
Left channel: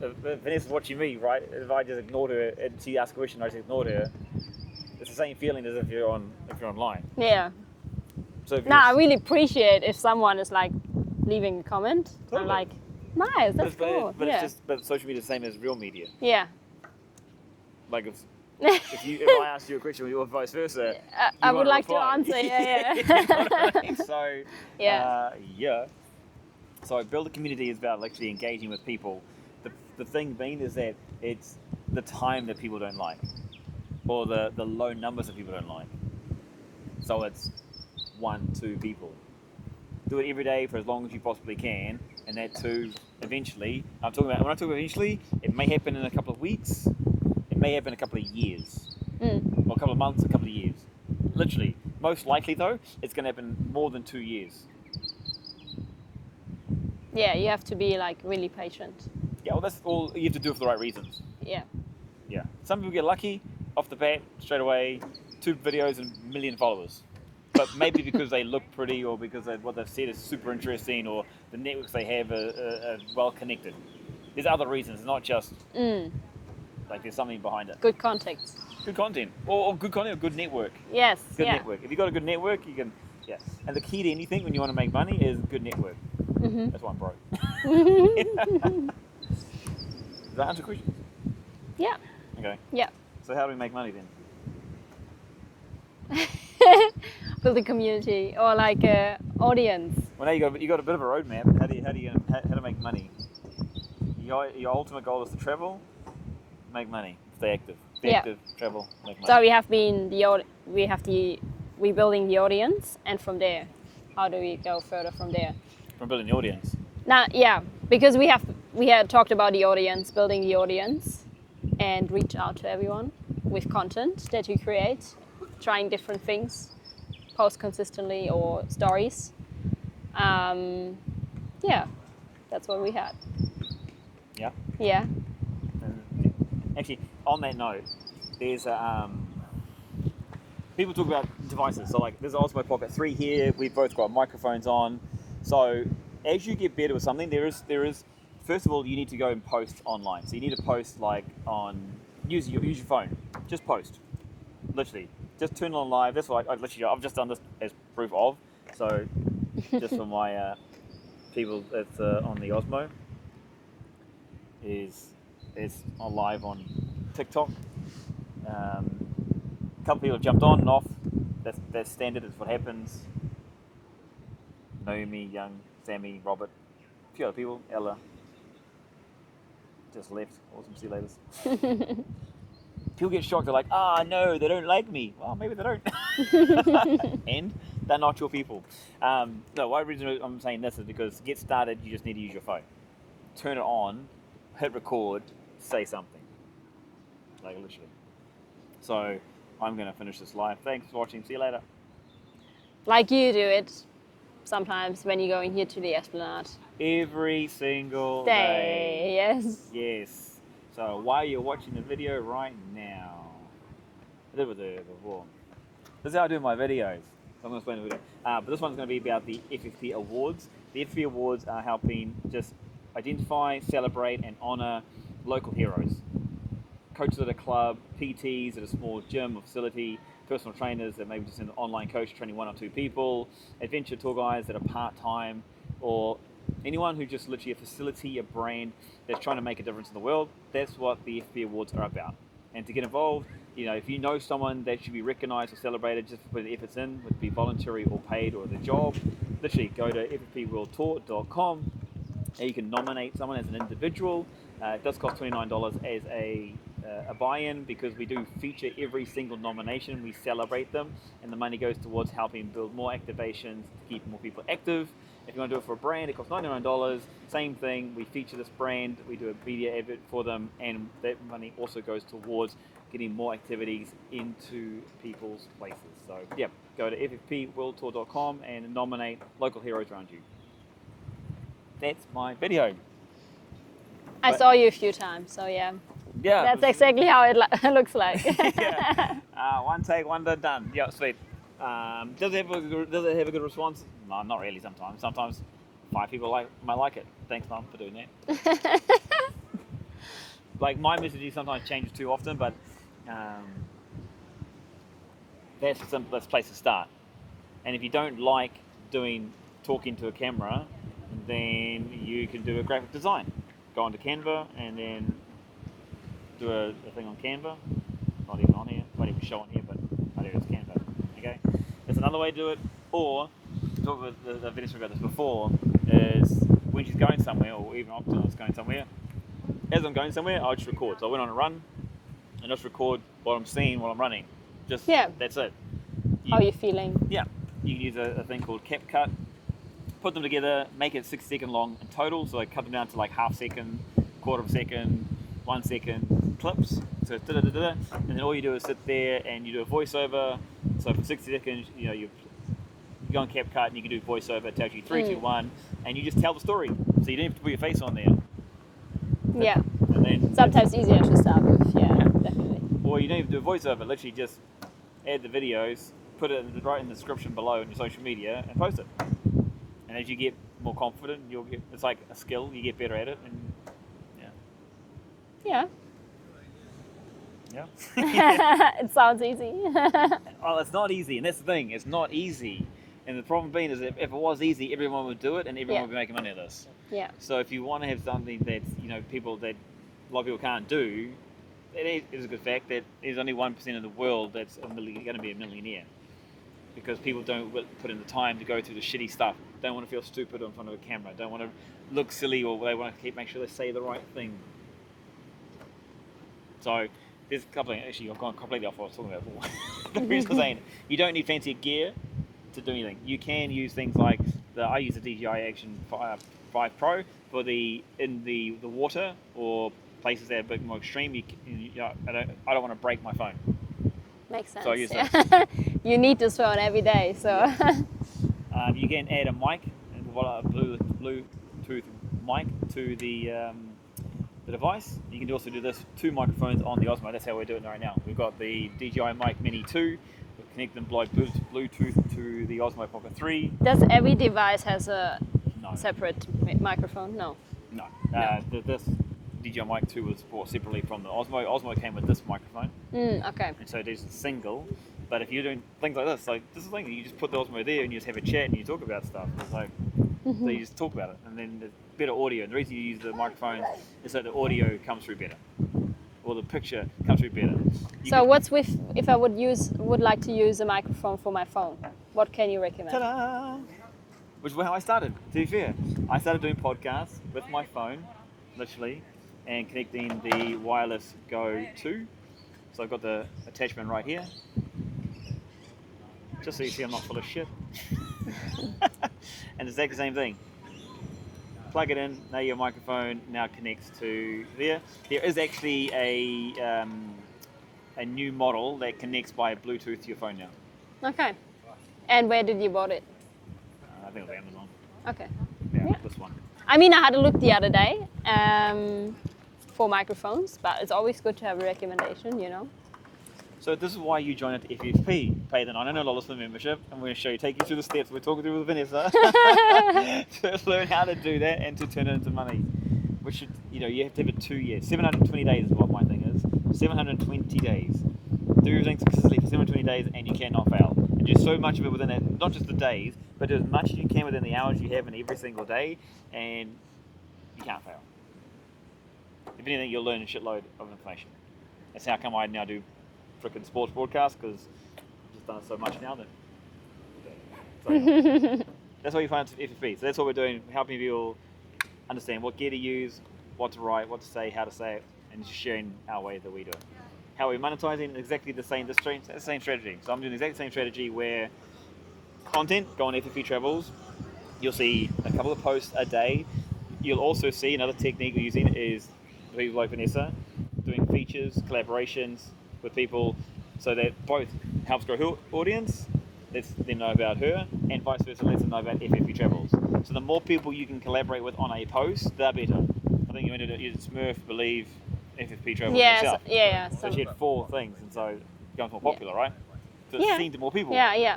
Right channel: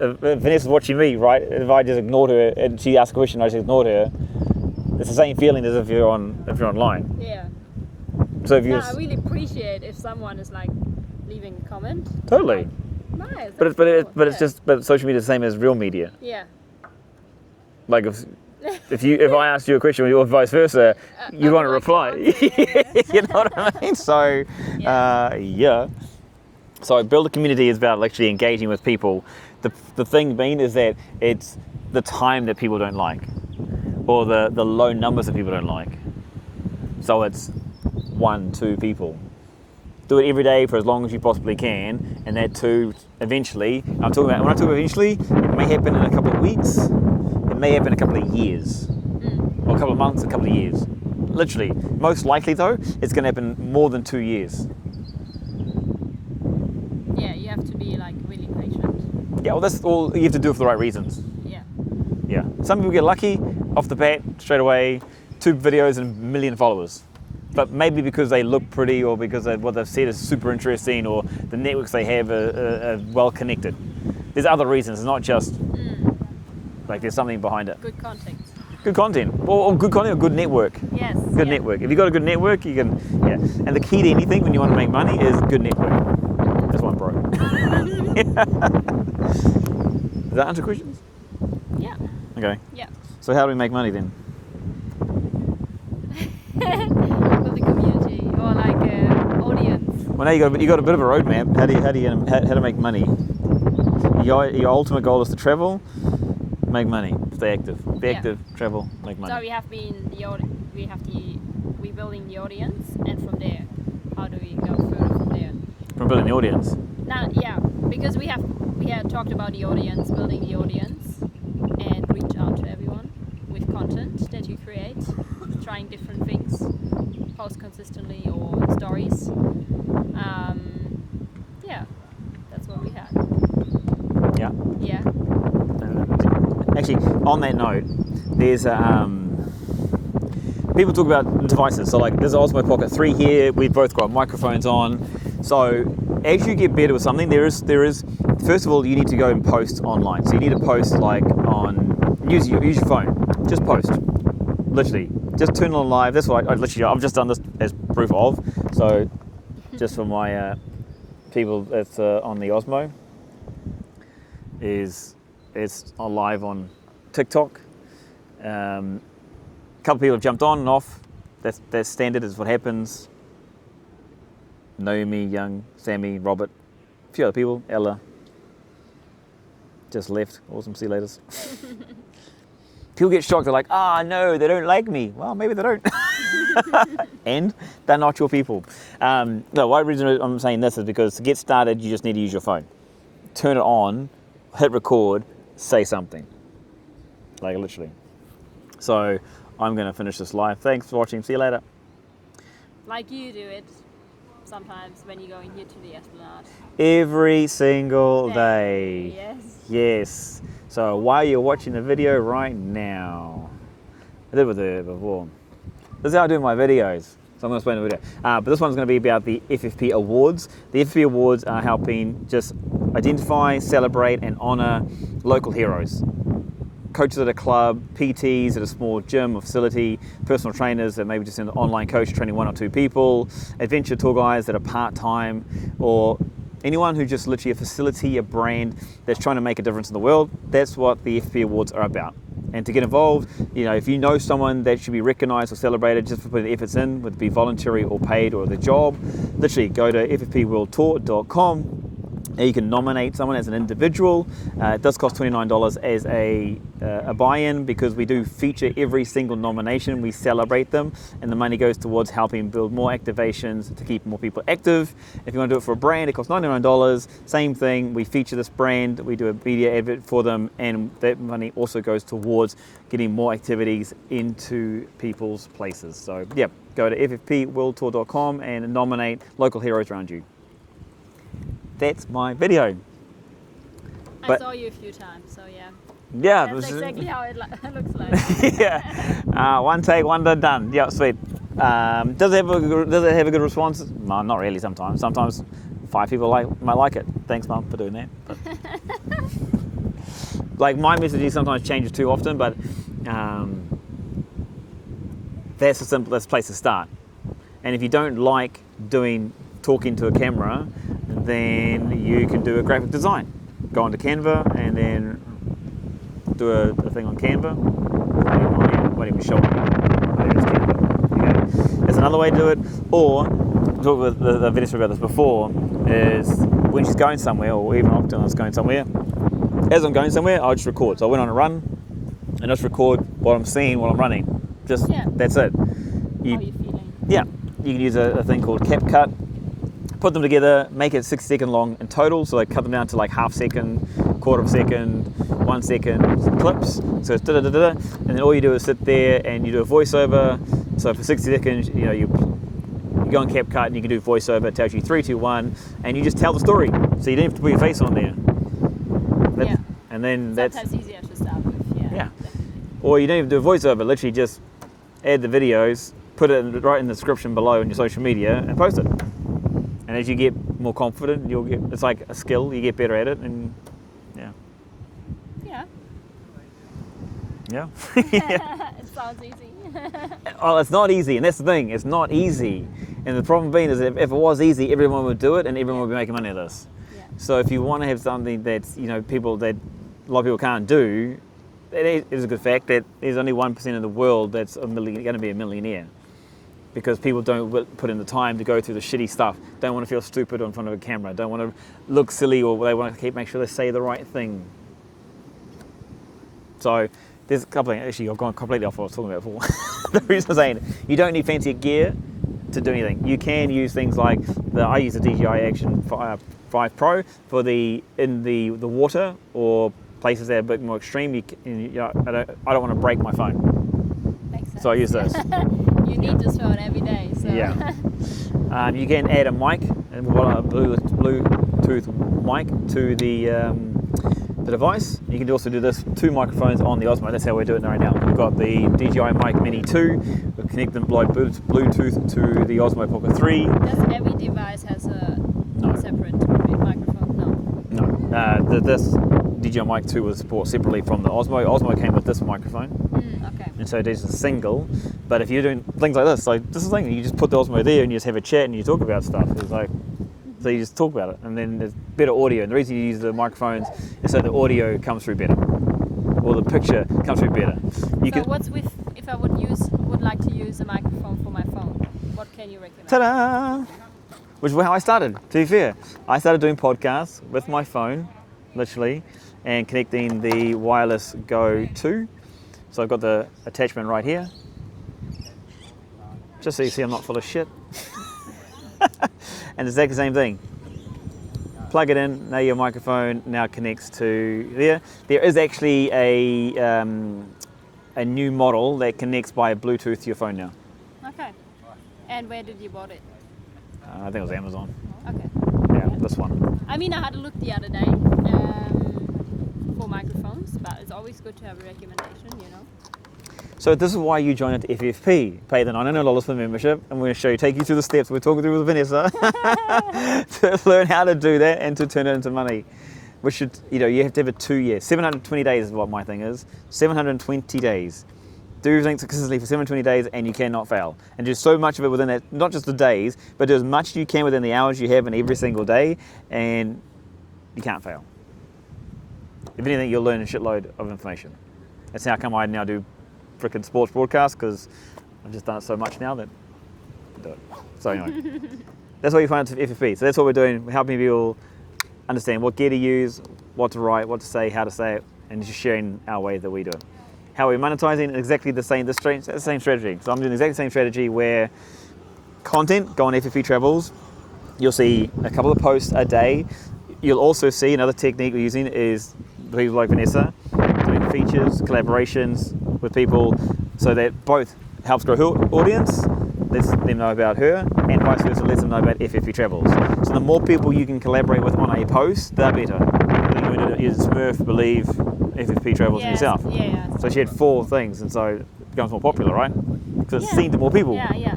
if Vanessa's watching me, right, if I just ignored her and she asked a question, I just ignored her, it's the same feeling as if you're online. Yeah. So if I really appreciate if someone is like leaving a comment. Totally. Like, nice. But social media is the same as real media. Yeah. Like if I asked you a question or vice versa, you want to reply. You know what I mean? So So build a community is about actually engaging with people. The thing being is that it's the time that people don't like, or the low numbers that people don't like. So it's 1, 2 people. Do it every day for as long as you possibly can, and that too, eventually, when I talk about eventually, it may happen in a couple of weeks, it may happen in a couple of years, or a couple of months, a couple of years. Literally. Most likely though, it's going to happen more than 2 years. Yeah, you have to be like really patient. Yeah, well that's all you have to do for the right reasons. Yeah. Yeah. Some people get lucky off the bat, straight away, 2 videos and 1 million followers. But maybe because they look pretty, or because what they've said is super interesting, or the networks they have are well connected. There's other reasons, it's not just like there's something behind it. Good context. Good content, or good content, or good network. Yes. Good network. If you've got a good network, you can, And the key to anything when you want to make money is good network. That's one, bro. Does that answer questions? Yeah. Okay. Yeah. So how do we make money then? Build a community, or like an audience. Well, now you got a bit of a roadmap. How to make money? Your ultimate goal is to travel, make money, stay active. Be active, travel, make money. So we're building the audience, and from there, how do we go further from there? From building the audience. Now, yeah, because we had talked about the audience, building the audience, and reach out to everyone with content that we create, trying different things, post consistently or stories. That's what we had. Yeah. Yeah. Actually, on that note, there's people talk about devices. So like there's an Osmo Pocket 3 here. We've both got microphones on. So as you get better with something, there is. First of all, you need to go and post online. So you need to post like use your phone. Just post. Literally, just turn it on live. That's what I've just done this as proof of. So just for my people that's on the Osmo, it's on live on TikTok. A couple of people have jumped on and off. That's standard. Is what happens. Naomi, Young, Sammy, Robert, a few other people. Ella just left. Awesome. See you later. People get shocked. They're like, no, they don't like me. Well, maybe they don't. And they're not your people. No, one reason I'm saying this is because to get started, you just need to use your phone. Turn it on, hit record, say something. Like literally. So I'm going to finish this live. Thanks for watching. See you later. Like you do it sometimes when you're going here to the Esplanade. Every single day. Yes. Yes. So while you're watching the video right now, I did with it before. This is how I do my videos. So I'm going to explain the video. But this one's going to be about the FFP Awards. The FFP Awards are helping just identify, celebrate, and honour local heroes. Coaches at a club, PTs at a small gym or facility, personal trainers that maybe just an online coach training 1 or 2 people, adventure tour guides that are part-time, or anyone who just literally a facility, a brand that's trying to make a difference in the world. That's what the FFP Awards are about. And to get involved, if you know someone that should be recognised or celebrated just for putting the efforts in, whether it be voluntary or paid or the job, literally go to ffpworldtour.com. You can nominate someone as an individual. It does cost $29 as a buy-in because we do feature every single nomination. We celebrate them, and the money goes towards helping build more activations to keep more people active. If you want to do it for a brand, it costs $99. Same thing. We feature this brand. We do a media advert for them, and that money also goes towards getting more activities into people's places. So, yeah, go to ffpworldtour.com and nominate local heroes around you. That's my video. I saw you a few times, so yeah. Yeah. That's exactly how it looks like. Yeah. One take, one done. Yeah, sweet. Does it have a good response? No, not really sometimes. Sometimes 5 people might like it. Thanks, Mum, for doing that. Like my messaging sometimes changes too often, but that's the simplest place to start. And if you don't like talking to a camera, then you can do a graphic design. Go onto Canva and then do a thing on Canva. Won't even show me. There's Canva. Okay. That's another way to do it. Or, talk with the Vanessa about this before, is when she's going somewhere, or even often I was going somewhere, as I'm going somewhere, I'll just record. So I went on a run and just record what I'm seeing while I'm running. That's it. How are you feeling? Yeah. You can use a thing called CapCut. Put them together, make it 6 second long in total, so I cut them down to like half second, quarter of a second, 1 second clips. So it's da-da-da-da, and then all you do is sit there and you do a voiceover. So for 60 seconds, you go on CapCut and you can do voiceover. It tells you 3, 2, 1, and you just tell the story. So you don't have to put your face on there. And then sometimes easier to start with. Yeah, definitely. Or you don't even do a voiceover. Literally just add the videos, put it right in the description below in your social media, and post it. And as you get more confident, it's like a skill, you get better at it, and yeah. It sounds easy. Oh, it's not easy, and that's the thing, it's not easy. And the problem being is that if it was easy, everyone would do it, and everyone would be making money at this. Yeah. So if you want to have something that's, people that a lot of people can't do, it is a good fact that there's only 1% of the world that's going to be a millionaire. Because people don't put in the time to go through the shitty stuff, don't want to feel stupid in front of a camera, don't want to look silly, or they want to make sure they say the right thing. So there's a couple of things. Actually, I've gone completely off what I was talking about before. The reason I'm saying you don't need fancy gear to do anything. You can use things like I use the DJI Action 5 Pro for in the water or places that are a bit more extreme. I don't want to break my phone. Makes sense. So I use those. You need this phone every day, so. Yeah. You can add a mic, a Bluetooth mic to the device. You can also do this 2 microphones on the Osmo. That's how we're doing it right now. We've got the DJI Mic Mini 2. We connect them by Bluetooth to the Osmo Pocket 3. Does every device has a separate microphone? No. This DJI Mic 2 was bought separately from the Osmo. Osmo came with this microphone. Okay. And so it is a single. But if you're doing things like this is the thing, you just put the Osmo there and you just have a chat and you talk about stuff. It's like, so you just talk about it, and then there's better audio. And the reason you use the microphones is so the audio comes through better, or the picture comes through better. What's with if I would like to use a microphone for my phone? What can you recommend? Ta-da! Which is how I started. To be fair, I started doing podcasts with my phone, literally, and connecting the wireless Go 2. So I've got the attachment right here, just so you see I'm not full of shit. And it's exactly the same thing. Plug it in, now your microphone now connects to there. There is actually a new model that connects by Bluetooth to your phone now. Okay. And where did you bought it? I think it was Amazon. Okay. Yeah, this one. I mean, I had a look the other day for microphones, but it's always good to have a recommendation, you know. So this is why you join at FFP. Pay the $900 for the membership, and we're going to take you through the steps we're talking through with Vanessa to learn how to do that and to turn it into money. Which should, you have to have a 2 year, 720 days is what my thing is. 720 days. Do everything successfully for 720 days, and you cannot fail. And do so much of it within that, not just the days, but do as much as you can within the hours you have in every single day, and you can't fail. If anything, you'll learn a shitload of information. That's how come I now do frickin' sports broadcast, because I've just done it so much now that I do it. So anyway, that's what you find at FFP. So that's what we're doing. We're helping people understand what gear to use, what to write, what to say, how to say it, and just sharing our way that we do it. How we're monetizing exactly the same strategy. So I'm doing exactly the same strategy where content, go on FFP Travels, you'll see a couple of posts a day. You'll also see another technique we're using is people like Vanessa doing features, collaborations with people, so that both helps grow her audience, lets them know about her, and vice versa, lets them know about FFP Travels. So the more people you can collaborate with on a post, the better. I think you're going to use Smurf, Believe, FFP Travels yourself. Yeah. So she had 4 things, and so it becomes more popular, right? Because it's seen to more people. Yeah.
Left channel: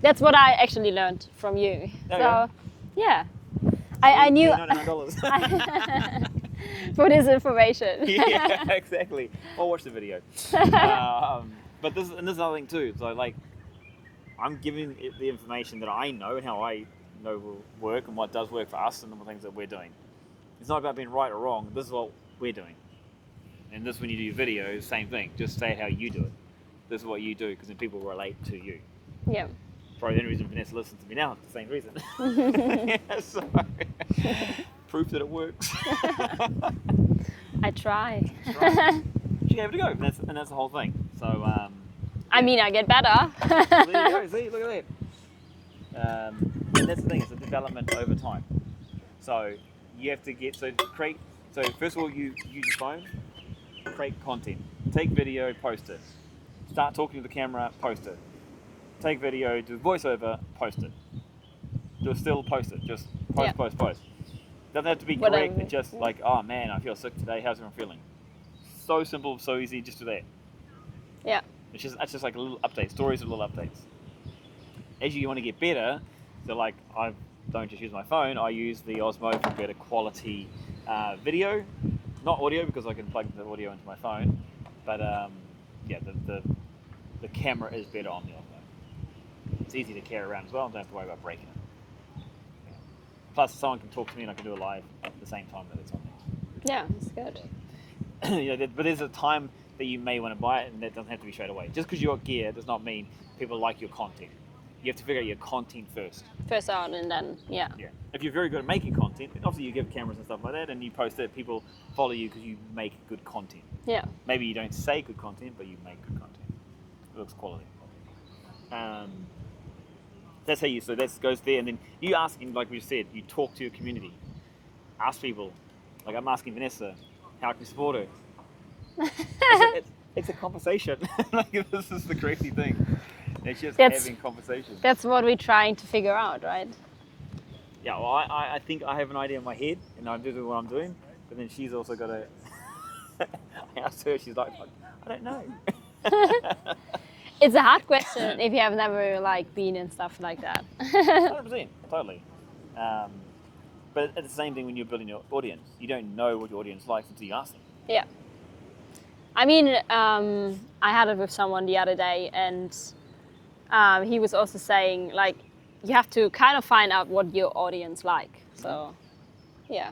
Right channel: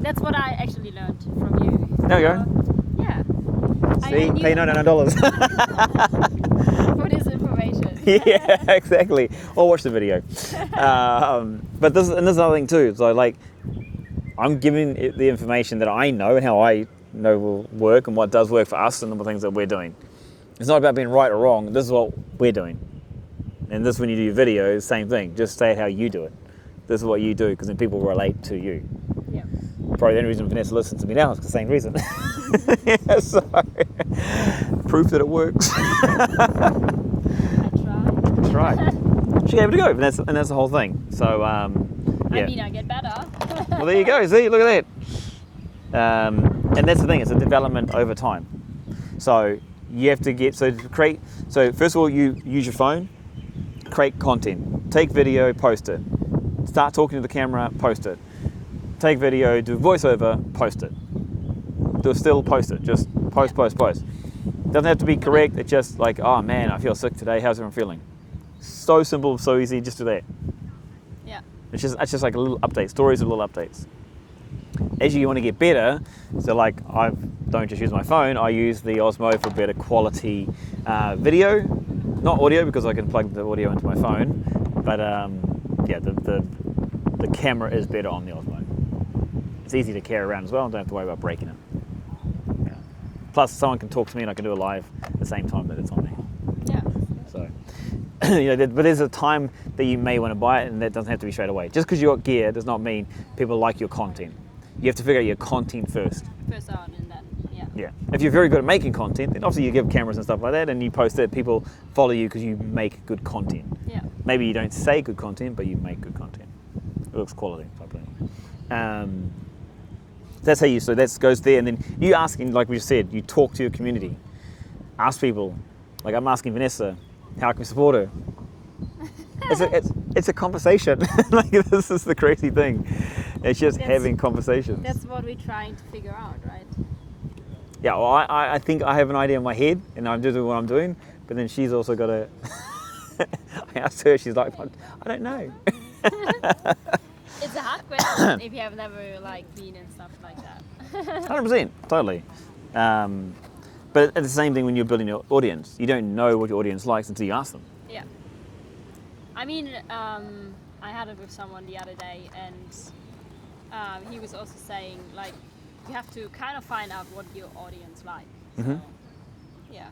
That's what I actually learned from you. There you go. Yeah. See, I knew. pay $99. For this information. Yeah, exactly. Or watch the video. But this is another thing too. So like, I'm giving it the information that I know and how I know will work and what does work for us and the things that we're doing. It's not about being right or wrong. This is what we're doing. And this, when you do your videos, same thing. Just say how you do it. This is what you do, because then people relate to you. Yeah. Probably the only reason Vanessa listens to me now is the same reason. Yeah, so proof that it works. I try. She gave it a go, and that's the whole thing. So yeah. I mean, I get better. Well, there you go. See, look at that. And that's the thing. It's a development over time. So you have to to create. So first of all, you use your phone, create content, take video, post it. Start talking to the camera, post it. Take video, do voiceover, post it. Do a still, post it. Just post. Doesn't have to be correct. It's just like, oh man, I feel sick today. How's everyone feeling? So simple, so easy. Just do that. Yeah. It's just like a little update. Stories of little updates. As you want to get better, so like I don't just use my phone. I use the Osmo for better quality video, not audio, because I can plug the audio into my phone. But yeah, the camera is better on the Osmo. It's easy to carry around as well. I don't have to worry about breaking it. Yeah. Plus, someone can talk to me and I can do it live at the same time that it's on me. Yeah, that's good. So, but there's a time that you may want to buy it, and that doesn't have to be straight away. Just because you got gear does not mean people like your content. You have to figure out your content first. First out, and then yeah. If you're very good at making content, then obviously you give cameras and stuff like that, and you post it. People follow you because you make good content. Yeah. Maybe you don't say good content, but you make good content. It looks quality, probably. That's how so that goes there, and then you asking, like we just said, you talk to your community. Ask people. Like I'm asking Vanessa, how can we support her? It's a conversation. Like this is the crazy thing. It's just having conversations. That's what we're trying to figure out, right? Yeah, well, I think I have an idea in my head, and I'm doing what I'm doing, but then she's also got a. I asked her, she's like, I don't know. It's a hard question if you have never like been and stuff like that. 100%, totally. But it's the same thing when you're building your audience. You don't know what your audience likes until you ask them. Yeah. I mean, I had it with someone the other day, and he was also saying, like, you have to kind of find out what your audience like. So, yeah.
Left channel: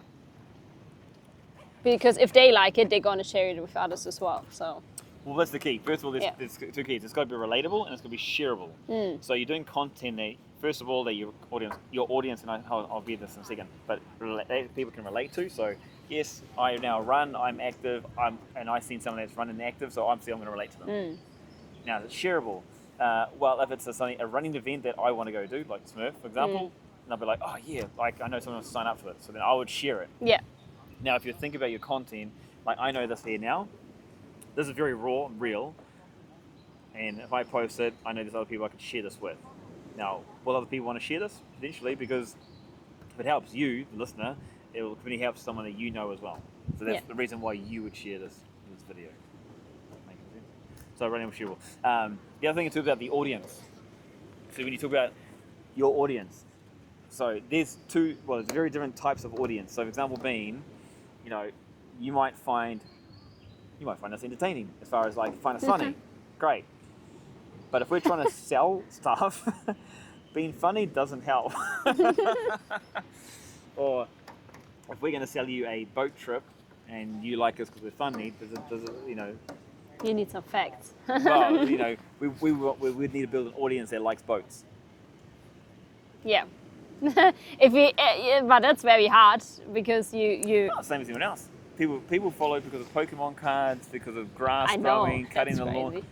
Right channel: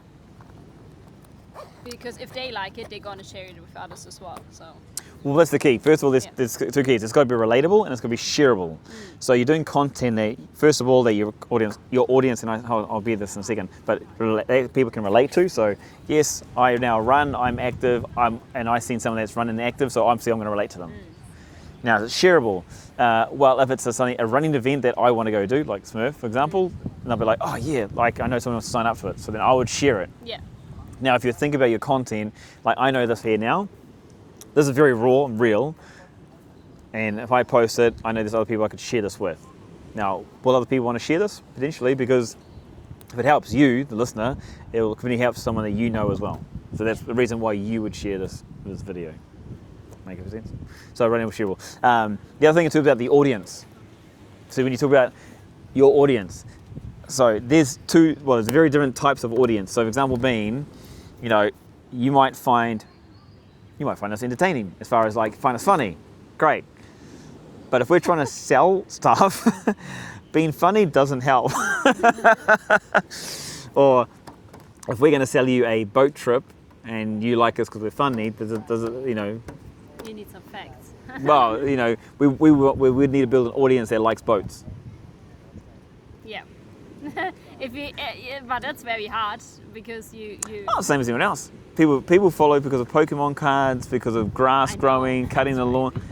Because if they like it, they're going to share it with others as well. So. Well, that's the key. First of all, there's two keys. It's got to be relatable and it's got to be shareable. So you're doing content that, first of all, that your audience, and I'll be this in a second, but people can relate to. So yes, I now run, I'm active, and I've seen someone that's running active, so I'm going to relate to them. Now, it's shareable. Well, if it's a running event that I want to go do, like Smurf, for example, and I'll be like, oh yeah, like I know someone wants to sign up for it, so then I would share it. Yeah. Now, if you think about your content, like I know this here now, this is very raw and real, and if I post it, I know there's other people I could share this with. Now, will other people want to share this? Potentially, because if it helps you, the listener, it will really help someone that you know as well. So that's the reason why you would share this video. Make sense? So running with shareable. The other thing is about the audience. So when you talk about your audience, so there's very different types of audience. So for example being, you might find us entertaining as far as like find us funny. Great. But if we're trying to sell stuff, being funny doesn't help. Or if we're going to sell you a boat trip and you like us because we're funny, does it, You need some facts. well, we would need to build an audience that likes boats. Yeah. But that's very hard because you. Oh, same as anyone else. People follow because of Pokemon cards, because of grass growing, cutting the lawn.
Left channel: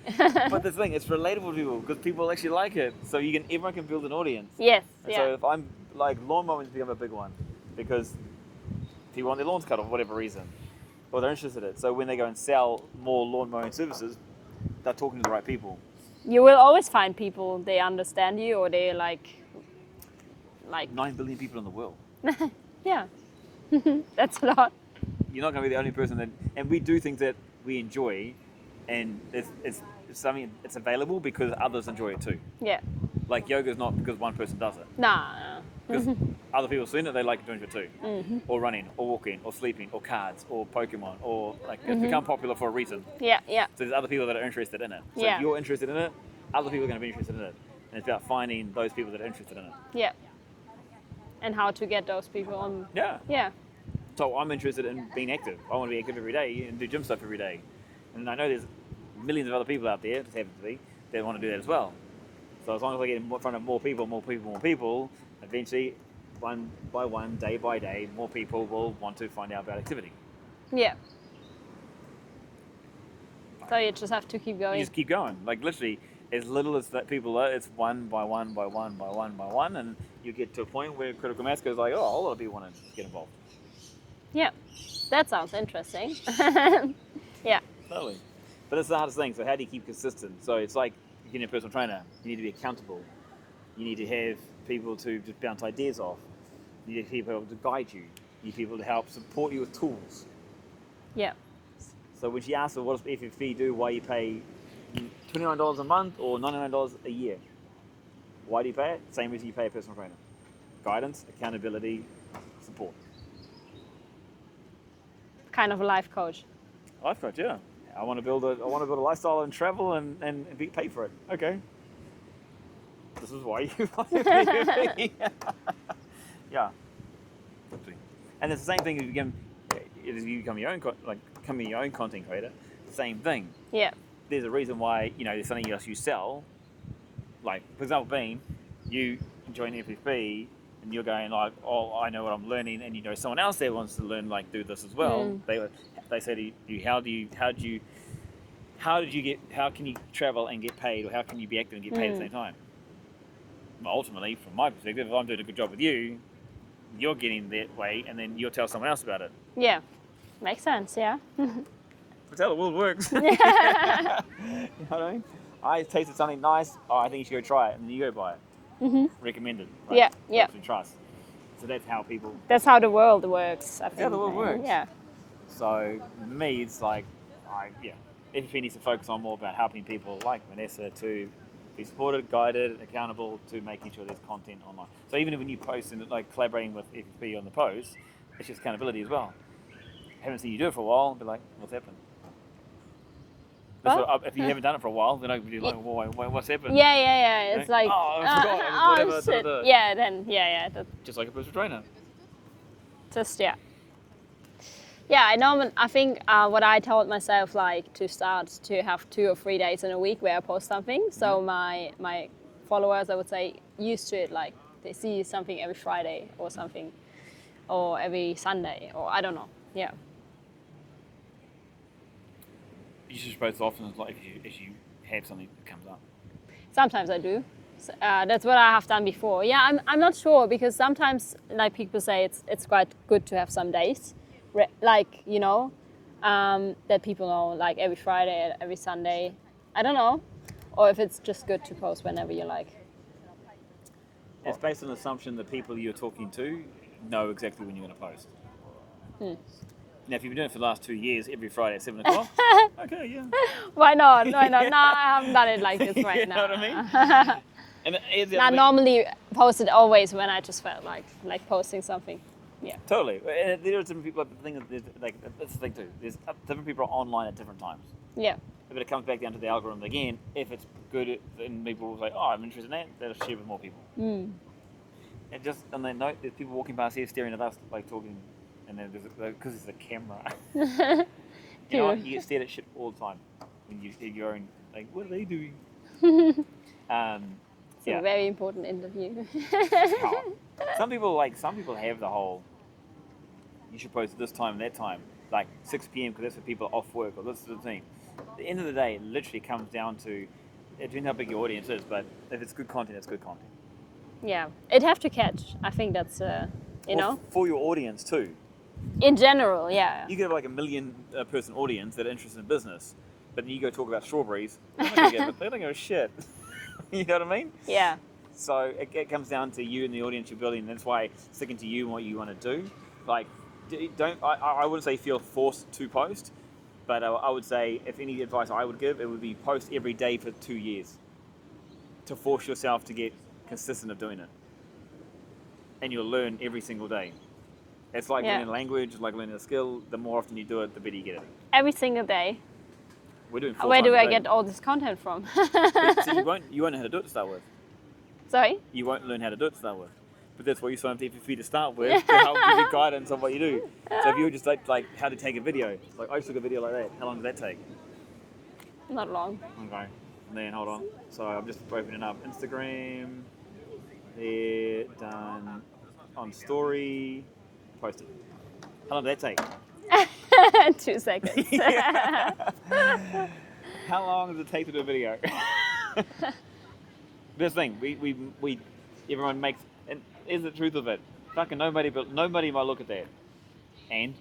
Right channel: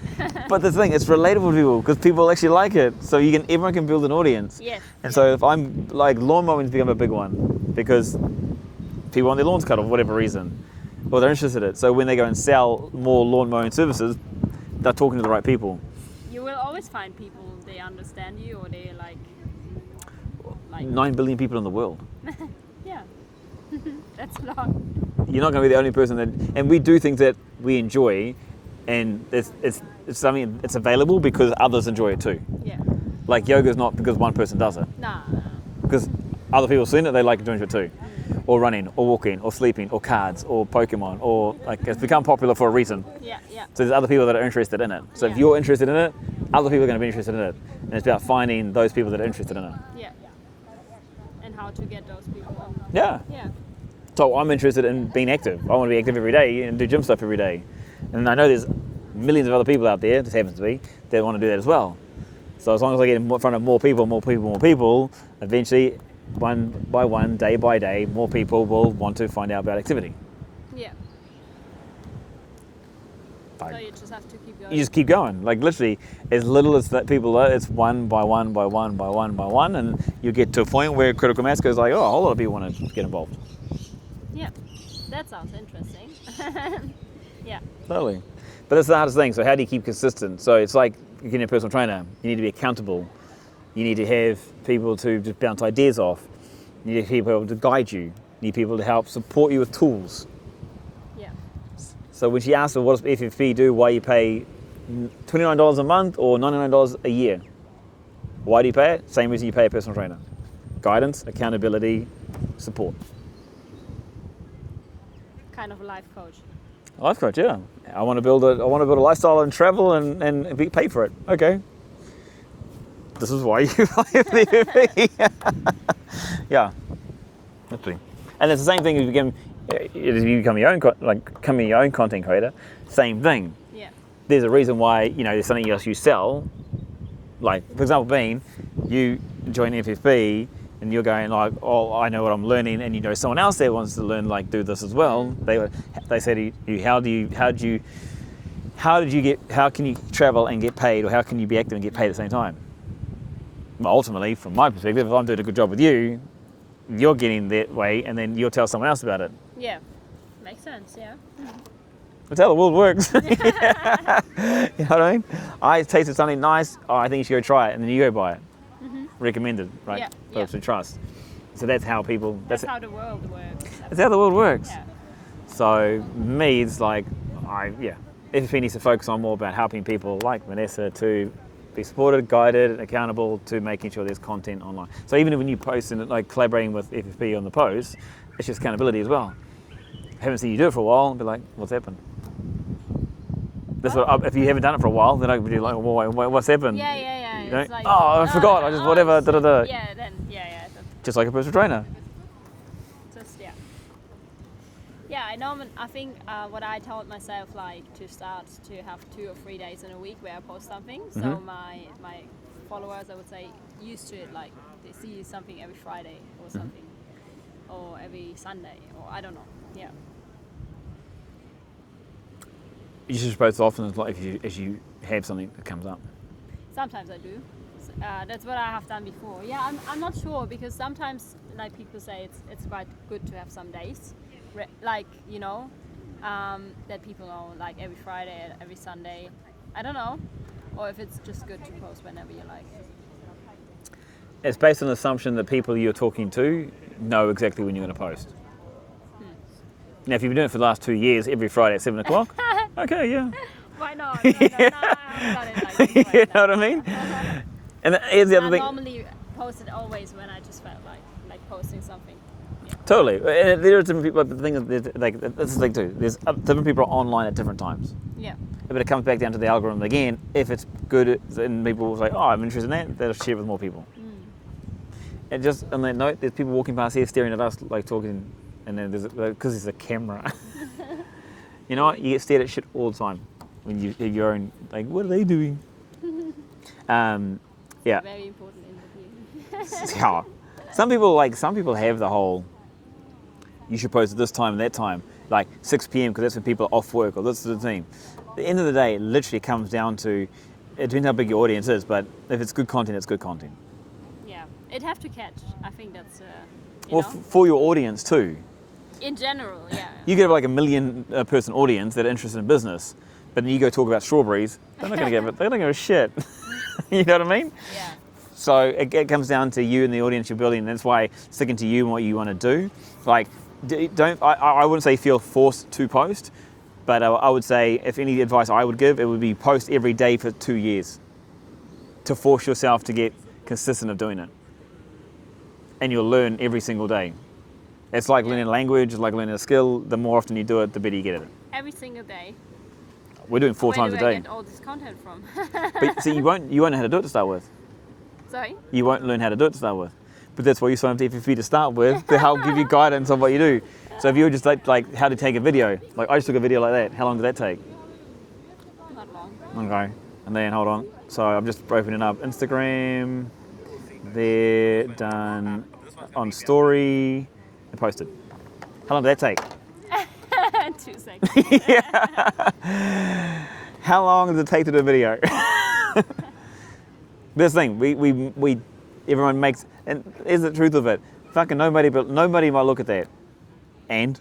But the thing, it's relatable to people because people actually like it. So everyone can build an audience. Yes. And so if I'm like lawn mowing's become a big one because people want their lawns cut for whatever reason, or they're interested in it. So when they go and sell more lawn mowing services, they're talking to the right people. You will always find people, they understand you, or they like 9 billion people in the world. Yeah. That's a lot. You're not going to be the only person and we do things that we enjoy, and it's something it's available because others enjoy it too. Yeah. Like yoga's not because one person does it. No. Because other people have seen it, they like doing it too. Or running, or walking, or sleeping, or cards, or Pokemon, or like it's become popular for a reason. Yeah, yeah. So there's other people that are interested in it. So if you're interested in it, other people are going to be interested in it. And it's about finding those people that are interested in it. Yeah. And how to get those people on. Yeah. Yeah. So I'm interested in being active. I want to be active every day and do gym stuff every day. And I know there's millions of other people out there, just happens to be, that want to do that as well. So as long as I get in front of more people, eventually, one by one, day by day, more people will want to find out about activity. Yeah. So you just have to keep going. You just keep going. Like literally, as little as that people are, it's one by one by one by one by one, and you get to a point where critical mass goes like, oh, a whole lot of people want to get involved. Yeah, that sounds interesting. Yeah. Totally. But that's the hardest thing. So how do you keep consistent? So it's like you're getting a personal trainer. You need to be accountable. You need to have people to just bounce ideas off. You need people to guide you. You need people to help support you with tools. Yeah. So when she asked her, what does FFP do? Why you pay $29 a month or $99 a year? Why do you pay it? Same reason you pay a personal trainer. Guidance, accountability, support. Kind of a life coach. A life coach, yeah. I want to build a lifestyle and travel and be paid for it. Okay. This is why you buy a FFP. Yeah. Absolutely. And it's the same thing if you become your own content creator. Same thing. Yeah. There's a reason why there's something else you sell. Like for example, being you join FFP and you're going like, oh, I know what I'm learning, and someone else there wants to learn do this as well. They say to you, how can you travel and get paid, or how can you be active and get paid at the same time? Well, ultimately, from my perspective, if I'm doing a good job with you, you're getting that way, and then you'll tell someone else about it. Yeah, makes sense. Yeah. That's how the world works. You know what I mean? I tasted something nice. Oh, I think you should go try it, and then you go buy it. Recommended, right? Yeah, yeah. Those we trust. So that's how people. That's how the world works. That's how the world works. Yeah. So me, it's like, FFP needs to focus on more about helping people like Vanessa to be supported, guided, accountable to making sure there's content online. So even when you post and like collaborating with FFP on the post, it's just accountability as well. Haven't seen you do it for a while, and be like, what's happened? If you haven't done it for a while, then I would be like, well, what's happened? Yeah. You know? It's like, oh, I forgot. I just whatever. shit. Da. Yeah, then that's Just like a personal trainer. just I think what I told myself, like, to start to have 2 or 3 days in a week where I post something. So my followers, I would say, used to it, like they see something every Friday or something, or every Sunday, or I don't know. Yeah. You should post often as you have something that comes up. Sometimes I do. That's what I have done before. Yeah, I'm not sure, because sometimes, like, people say it's quite good to have some days, like, you know, that people know, like every Friday, every Sunday. I don't know, or if it's just good to post whenever you like. It's based on the assumption that people you're talking to know exactly when you're going to post. Now, if you've been doing it for the last 2 years, every Friday at 7 o'clock, okay, yeah. Why not? No, I haven't done it like this right You now. know what I mean? And here's the I other thing. normally post it always when I just felt like posting something. Yeah. Totally. And there are different people, but the thing is, like, that's the thing too. There's different people are online at different times. Yeah. But it comes back down to the algorithm again. If it's good, and people will say, oh, I'm interested in that, they'll share it with more people. And just on that note, there's people walking past here staring at us, like, talking, and then because there's a camera. You know what? You get stared at shit all the time when you have your own, like, what are they doing? A very important interview. Yeah. Some people have the whole, you should post at this time and that time, like 6 p.m. because that's when people are off work, or this is the thing. At the end of the day, it literally comes down to, it depends how big your audience is, but if it's good content, it's good content. Yeah, it have to catch. I think that's you know. For your audience too. In general, yeah. You get like a 1 million person audience that are interested in business, but then you go talk about strawberries, they're not gonna give a shit. You know what I mean? Yeah. So it comes down to you and the audience you're building, and that's why sticking to you and what you want to do. Like, I wouldn't say feel forced to post, but I would say if any advice I would give, it would be post every day for 2 years to force yourself to get consistent of doing it. And you'll learn every single day. It's like learning a language, it's like learning a skill. The more often you do it, the better you get at it. Every single day. We're doing 4 times a day. Where do I get all this content from? But see, you won't know how to do it to start with. Sorry? You won't learn how to do it to start with. But that's why you sign up to FFP to start with, to help give you guidance on what you do. So if you were just like how to take a video, like I just took a video like that, how long did that take? Not long. Okay, and then hold on. So I'm just opening up Instagram, they're done on story, and posted. How long did that take? 2 seconds. How long does it take to do a video? This thing, we everyone makes, and here's the truth of it. Fucking nobody might look at that. And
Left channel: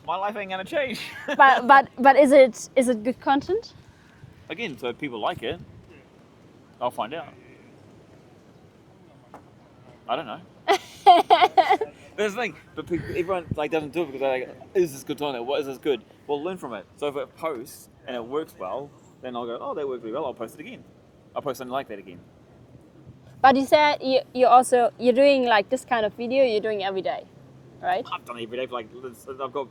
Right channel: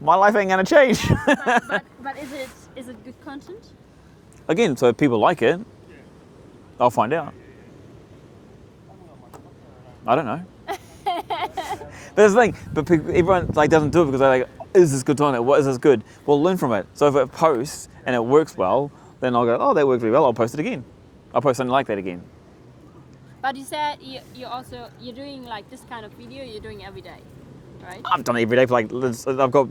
my life ain't gonna change. but is it good content? Again, so if people like it, I'll find out. I don't know. But that's the thing. But everyone doesn't do it because they're like, is this good content? What is this good? Well, learn from it. So if it posts and it works well, then I'll go, oh, that worked really well. I'll post it again. I'll post something like that again. But you said you're doing like this kind of video. You're doing every day, right? I've done it every day for I've got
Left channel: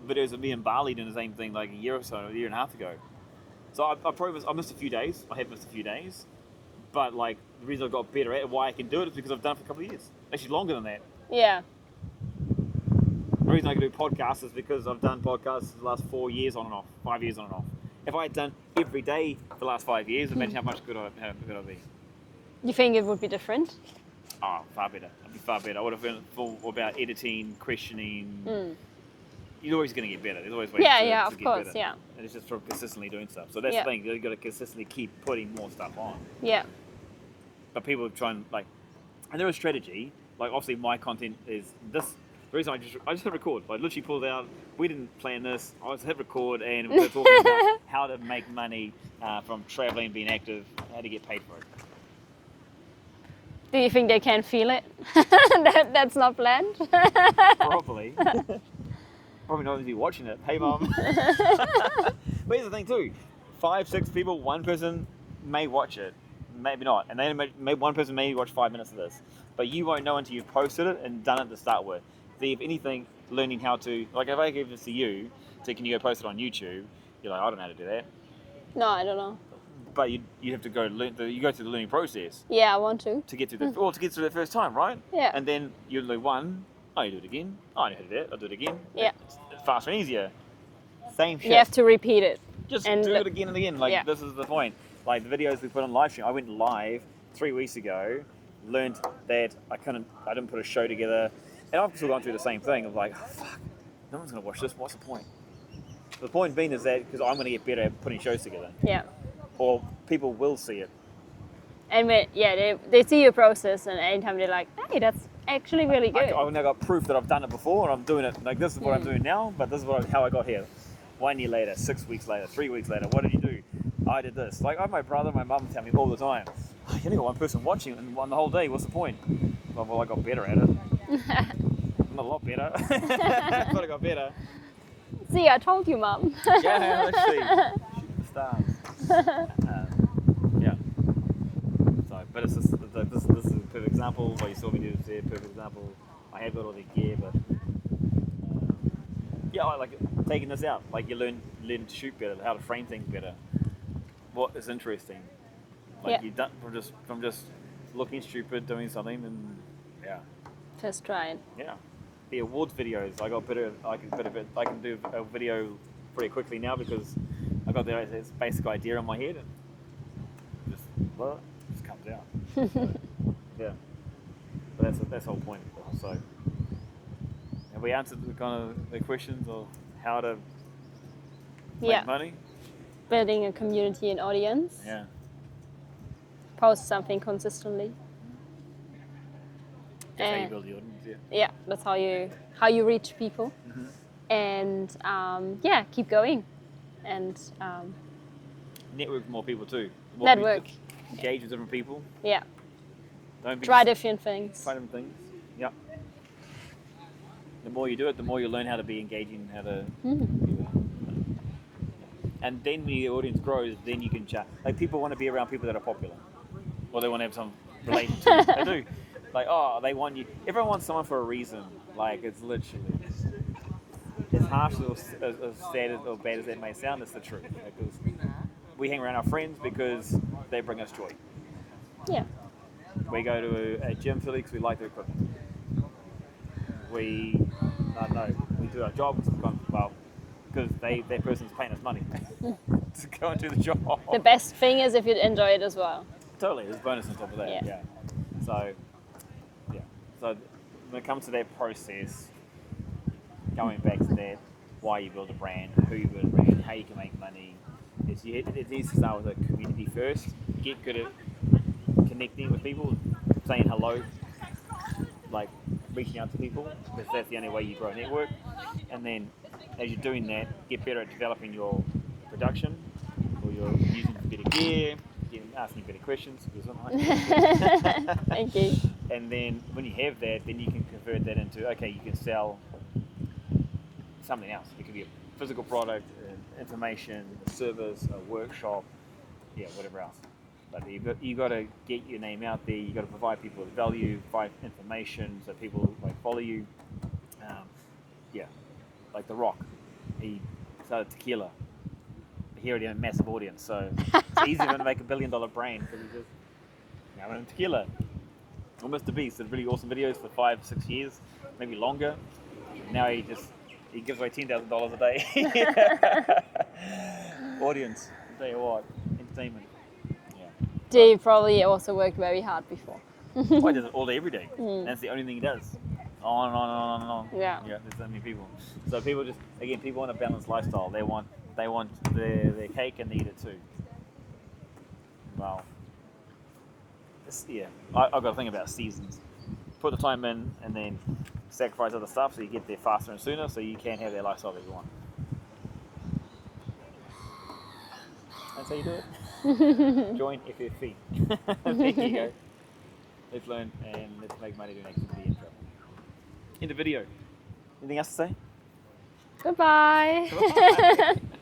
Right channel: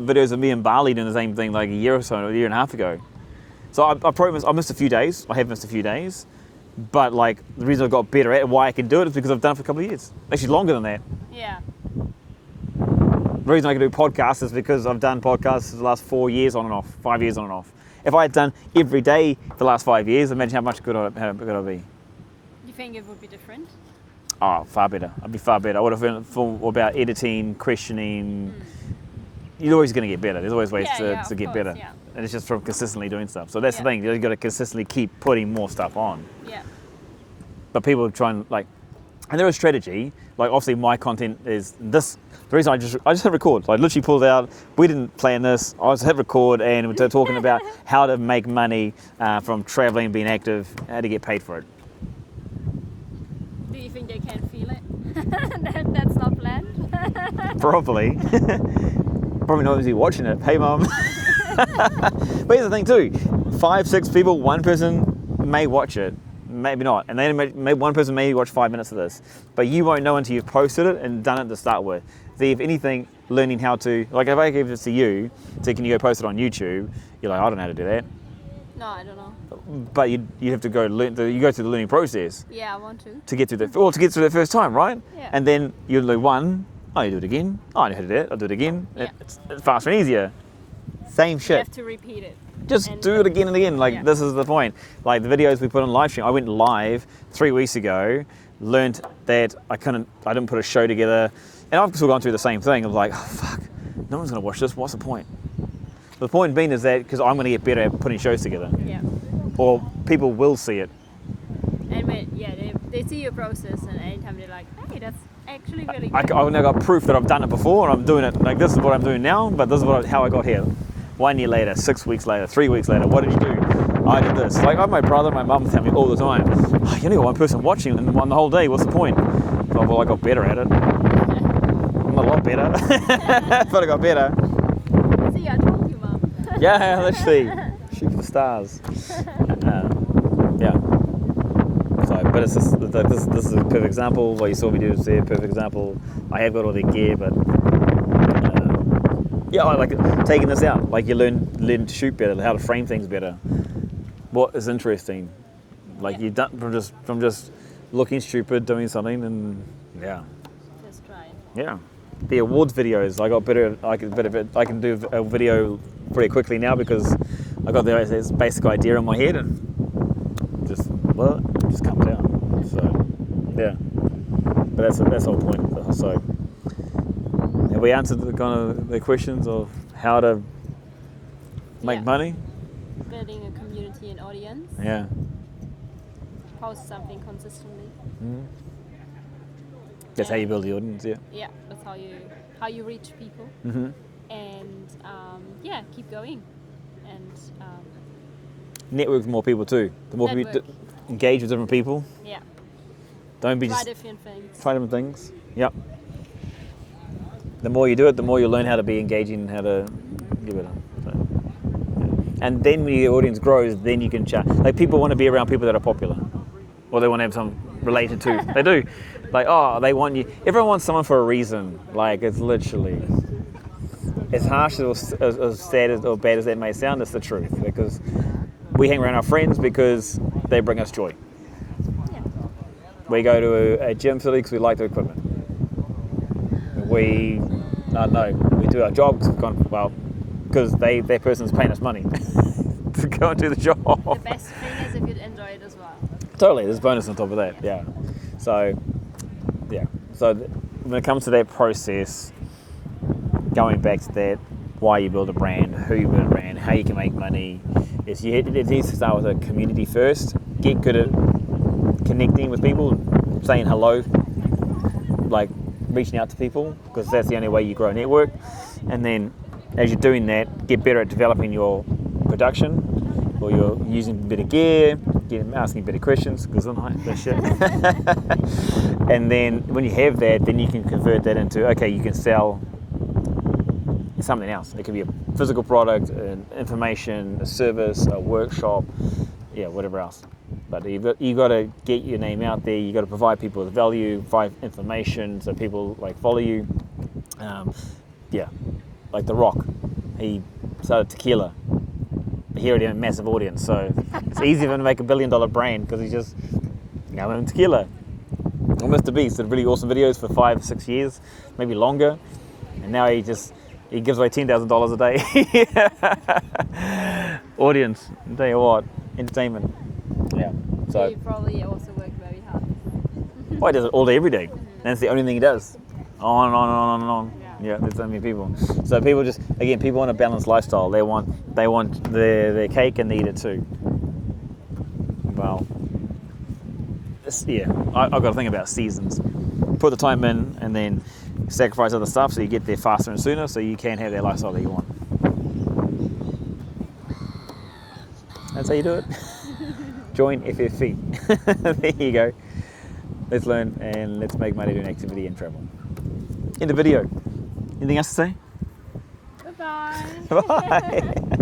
videos of me in Bali doing the same thing like a year or so, a year and a half ago. So I missed a few days. I have missed a few days. But like the reason I've got better at it, why I can do it is because I've done it for a couple of years. Actually longer than that. Yeah. The reason I can do podcasts is because I've done podcasts for the last 4 years on and off, 5 years on and off. If I had done every day for the last 5 years, imagine how much good I'd be. You think it would be different? Oh, far better. I'd be far better. I would have been thought about editing, questioning. You're always going to get better. There's always ways to get better. Yeah. And it's just from consistently doing stuff. So that's the Yeah. thing. You've got to consistently keep putting more stuff on. Yeah. But people try and and there is strategy. Like obviously my content is this. The reason I just hit record. I literally pulled out. We didn't plan this. I just hit record and we're talking about how to make money from traveling, being active, how to get paid for it. Do you think they can feel it? That's not planned? Probably. Probably not even watching it. Hey, Mum. But here's the thing too. 5, 6 people, one person may watch it, maybe not. And then maybe one person may watch 5 minutes of this. But you won't know until you've posted it and done it to start with. So if anything, learning how to, like if I gave this to you, so can you go post it on YouTube? You're like, I don't know how to do that. No, I don't know. But you have to go learn. You go through the learning process Yeah, I want to. to get through to get through the first time, right? Yeah. And then you do one. Oh, you do it again. Oh, I know how to do it. I'll do it again. Yeah. It's faster and easier. Same shit. You have to repeat it. Just and do it again and again. Like, yeah. This is the point. Like the videos we put on live stream. I went live 3 weeks ago. Learned that I didn't put a show together, and I've still gone through the same thing. I was like, oh, fuck, no one's gonna watch this. What's the point? The point being is that because I'm gonna get better at putting shows together. Yeah. Or people will see it. And they see your process, and anytime they're like, hey, that's actually really good. I've now got proof that I've done it before, and I'm doing it. Like this is what I'm doing now, but this is how I got here. 1 year later, 6 weeks later, 3 weeks later, what did you do? I did this. Like I have my brother and my mum tell me all the time, oh, you only got one person watching and the whole day, what's the point? Oh, well, I got better at it. I'm a lot better. But I got better. See, I told you, Mum. Yeah, literally. Shoot for the stars. Yeah. So, but it's just, this is a perfect example. What you saw me do is a perfect example. I have got all the gear, but yeah, I like taking this out. Like you learn to shoot better, how to frame things better. What is interesting, like you've done from just looking stupid, doing something, and yeah. Just try it. Yeah. The awards videos, I got better. I can do a video pretty quickly now because I got this basic idea in my head and just comes out. So yeah, but that's the whole point. So have we answered the questions of how to make money? Building a community and audience. Yeah. Post something consistently. Mm. That's how you build the audience. Yeah. Yeah, that's how you reach people. Mm-hmm. And keep going. And network with more people too. The more network. you engage with different people. Yeah. Don't be try different things. Try different things. Yep. The more you do it, the more you learn how to be engaging and how to give it. And then when your audience grows, then you can chat. Like people want to be around people that are popular, or they want to have some related to. They do. Like, oh, they want you. Everyone wants someone for a reason. Like, it's literally, as harsh as sad or bad as that may sound, it's the truth. Because we hang around our friends because they bring us joy. Yeah. We go to a gym facility because we like the equipment. We do our jobs because that person's paying us money to go and do the job. The best thing is if you enjoy it as well. Totally, there's bonus on top of that. Yeah. So when it comes to that process, going back to that, why you build a brand, who you build a brand, how you can make money, it needs to start with a community first. Get good at connecting with people, saying hello, like reaching out to people, because that's the only way you grow a network. And then as you're doing that, get better at developing your production, or you're using better gear, asking better questions, because I'm like this shit. Thank you. And then when you have that, then you can convert that into, okay, you can sell something else. It could be a physical product, an information, a service, a workshop, whatever else. But you got to get your name out there. You got to provide people with value, provide information, so people follow you. Like The Rock, he started tequila. He already had a massive audience, so it's easy for him to make $1 billion brand because he's just in tequila. Or Mr. Beast did really awesome videos for 5 or 6 years, maybe longer, and now he gives away $10,000 a day. Audience, I'll tell you what, entertainment. Yeah. He probably also worked very hard before. Oh, he does it all day, every day. That's the only thing he does. On and on and on and on. Yeah. There's so many people. So people people want a balanced lifestyle. They want their cake and they eat it too. Well, I've got to think about seasons. Put the time in and then sacrifice other stuff so you get there faster and sooner, so you can have that lifestyle that you want. That's how you do it. Join FFV. There you go. let's learn, and let's make money doing activity and travel. End of video. Anything else to say? Goodbye. Bye.